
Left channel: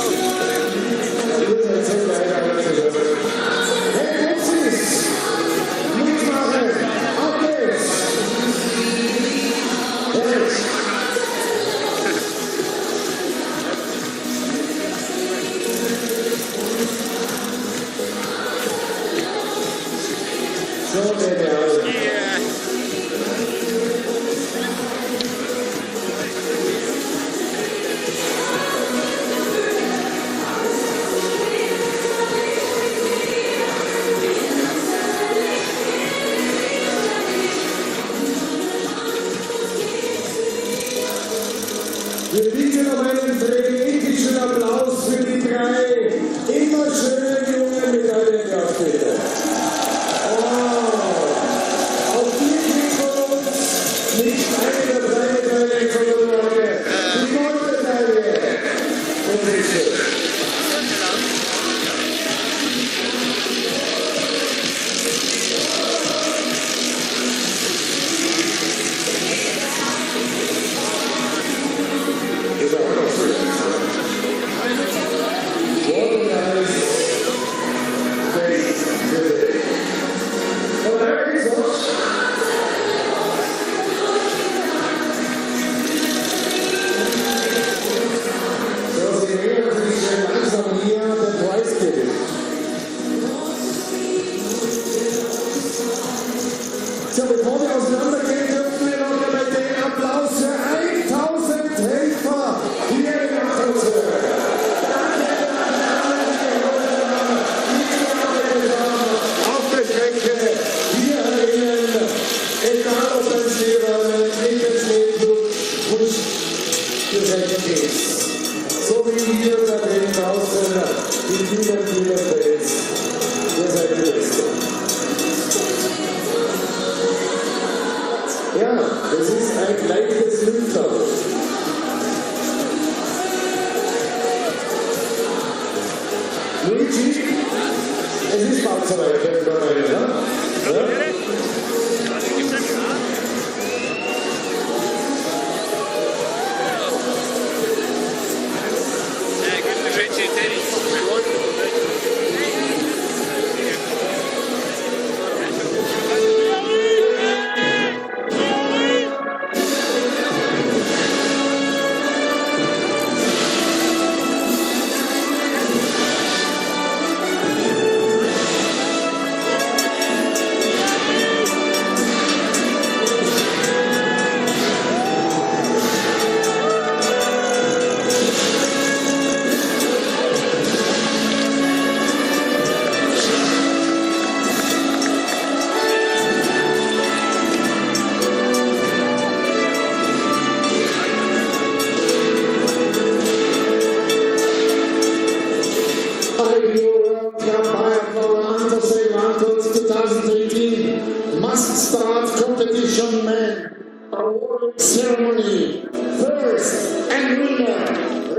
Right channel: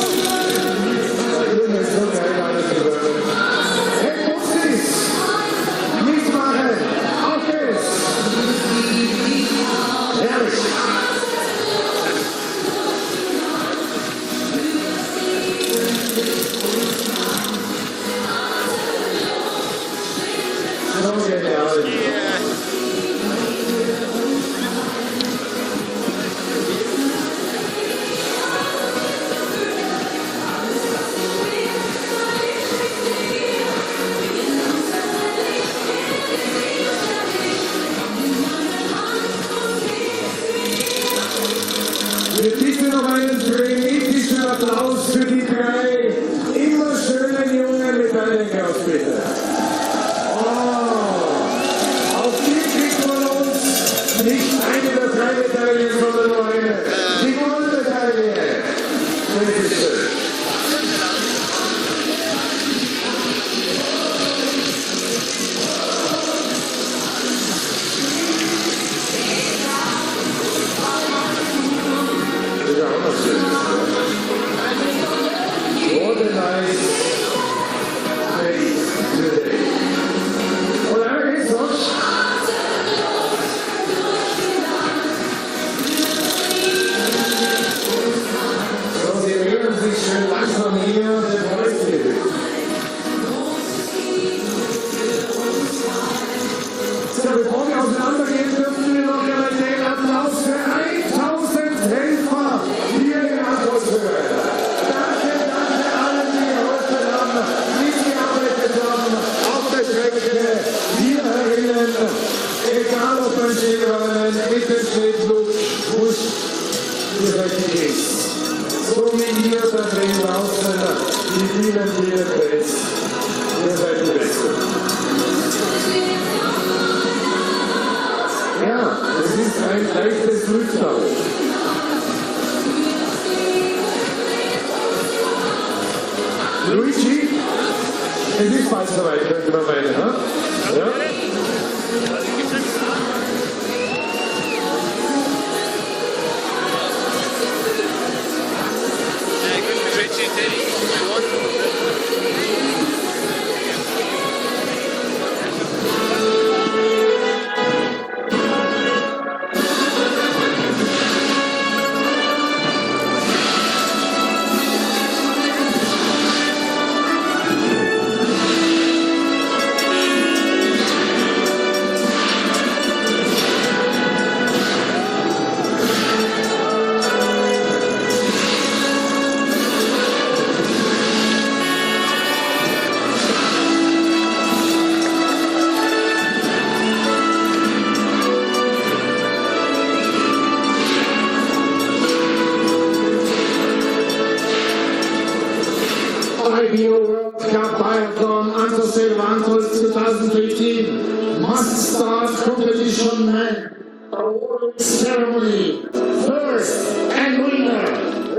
Wir bieten noch einen frenetischer Applaus für die drei immer schönen jungen Medaillenjäger, bitte. Wow. Auf jeden Folge auseinandergehen dürfen wir noch den Applaus für 1000 Helfer hier in der Atmosphäre. Danke allen, die auf der Strecke hier agieren, egal ob das Leben, Lebensleben, Wunsch gesetzt ist. So wie ihr da hängt auf die Bühnen hier fällt. Ihr seid die Beste. Ja, es ist ein leichtes Fünftel. Luigi, es ist weiter, ja? Richie, Teddy, Biatlon 2018 mass start competition men award ceremony. First and winner,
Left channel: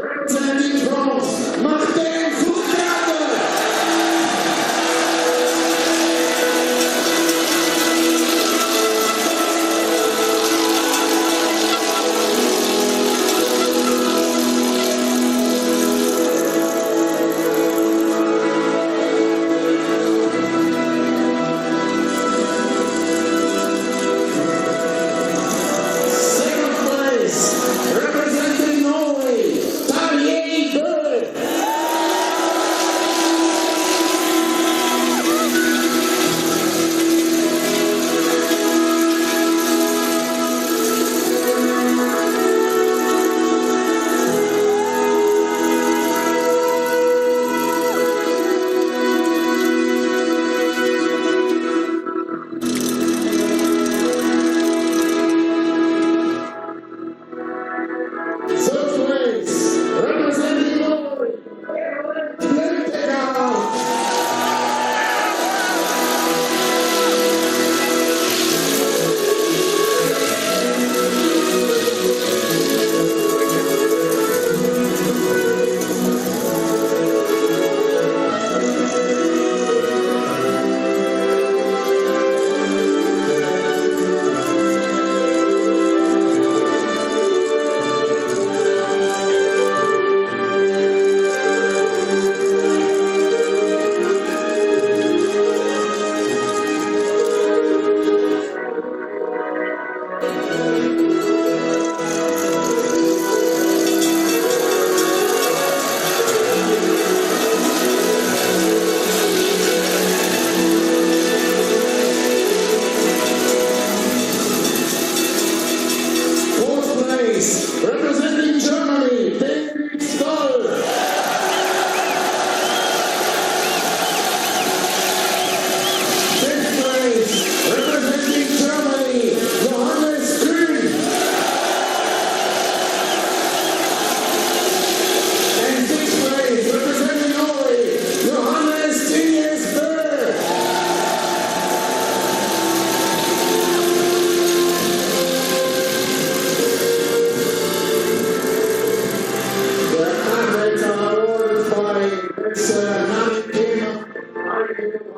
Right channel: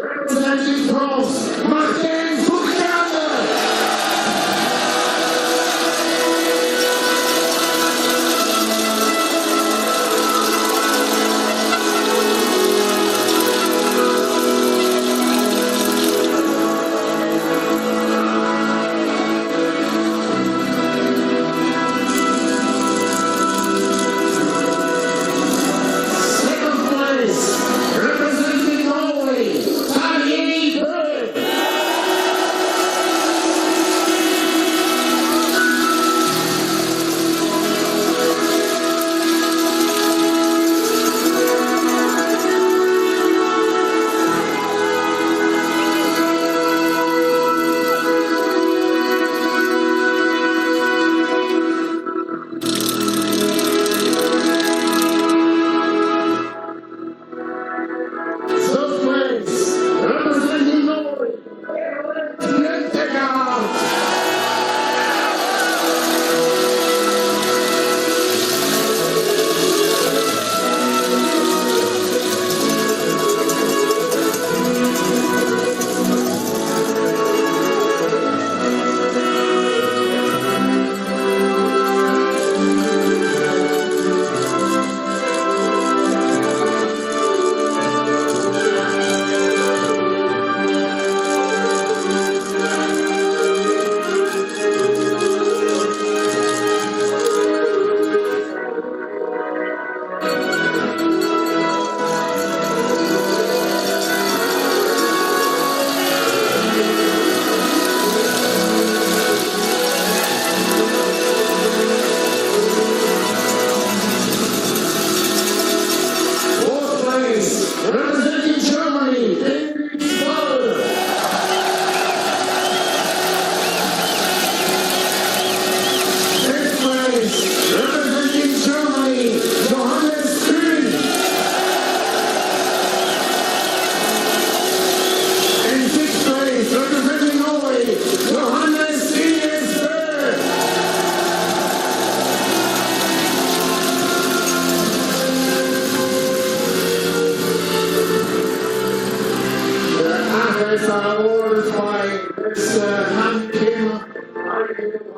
representing France, Martin Foucault.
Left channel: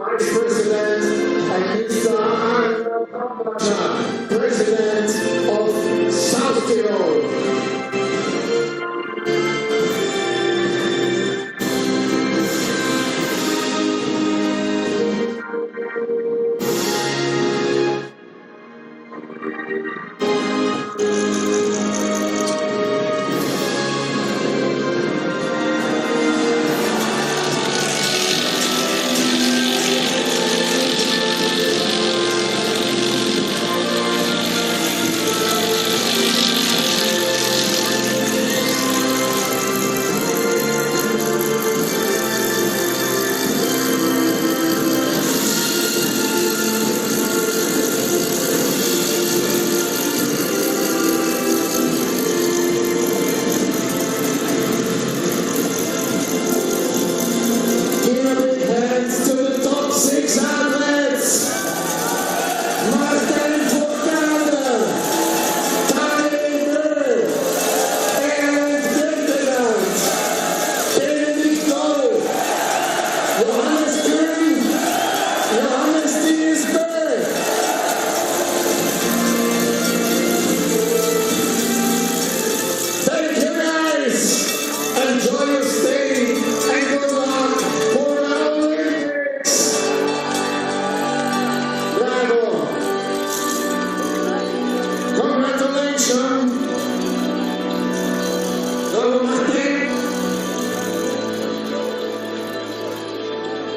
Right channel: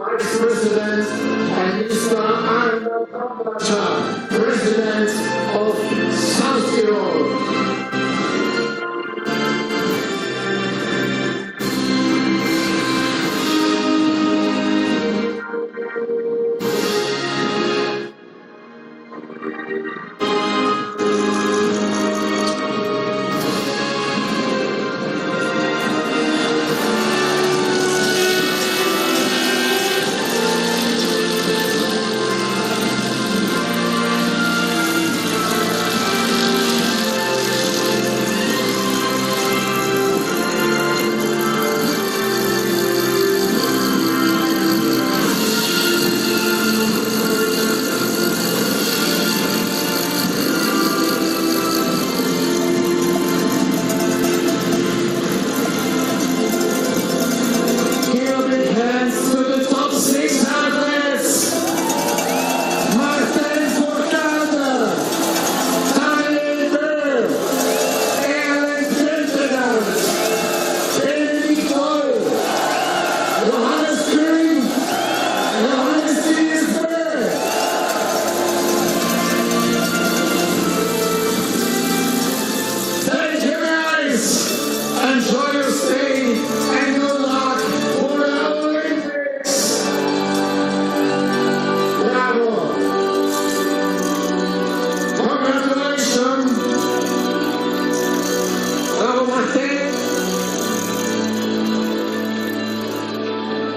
Vice President and Mr. Arno Kampacha, President of South Tirol.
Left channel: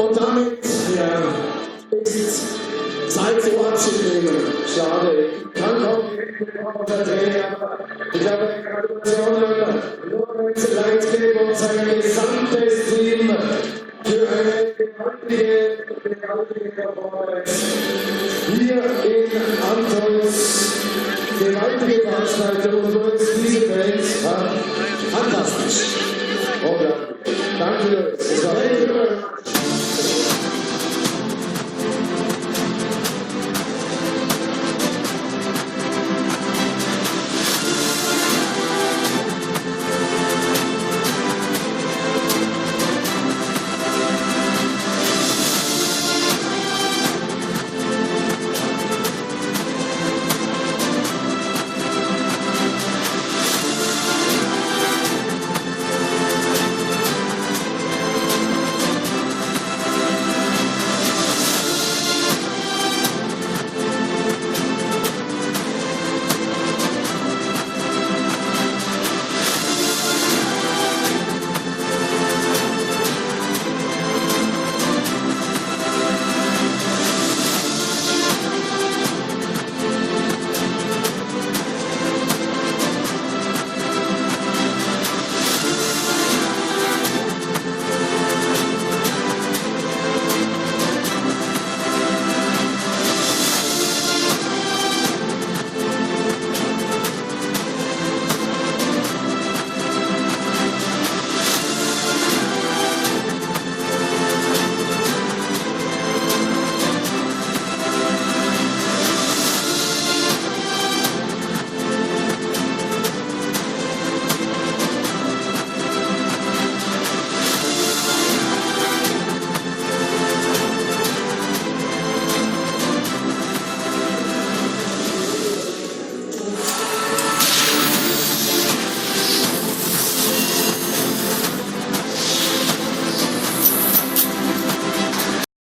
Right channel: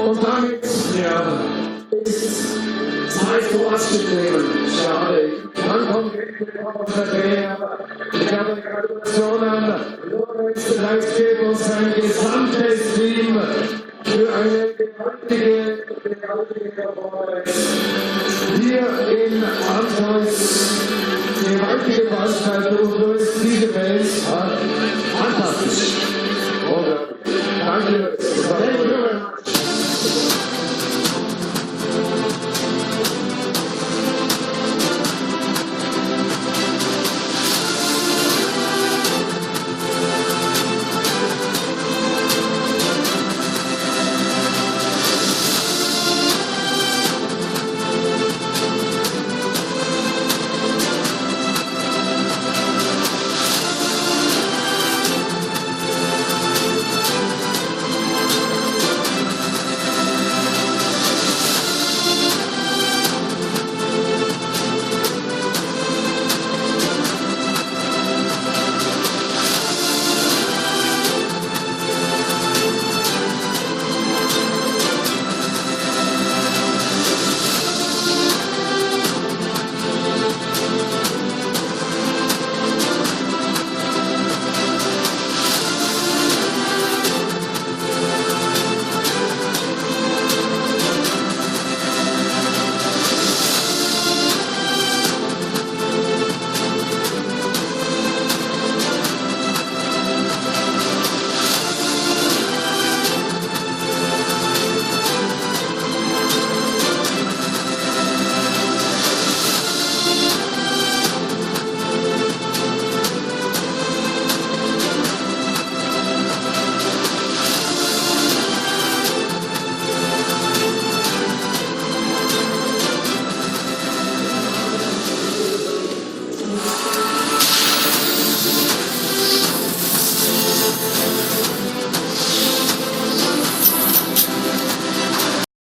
Und damit, ja, ist Zeit zu Abschied nehmen. Schade. Dann kommt der Trainer. Ich glaube, Gratulation nur zu Leipzig und sein gesamtes Team für eine gewaltige Performance. Hier in Antons, gewaltige Veranstaltung für diese Welt war fantastisch. Danke.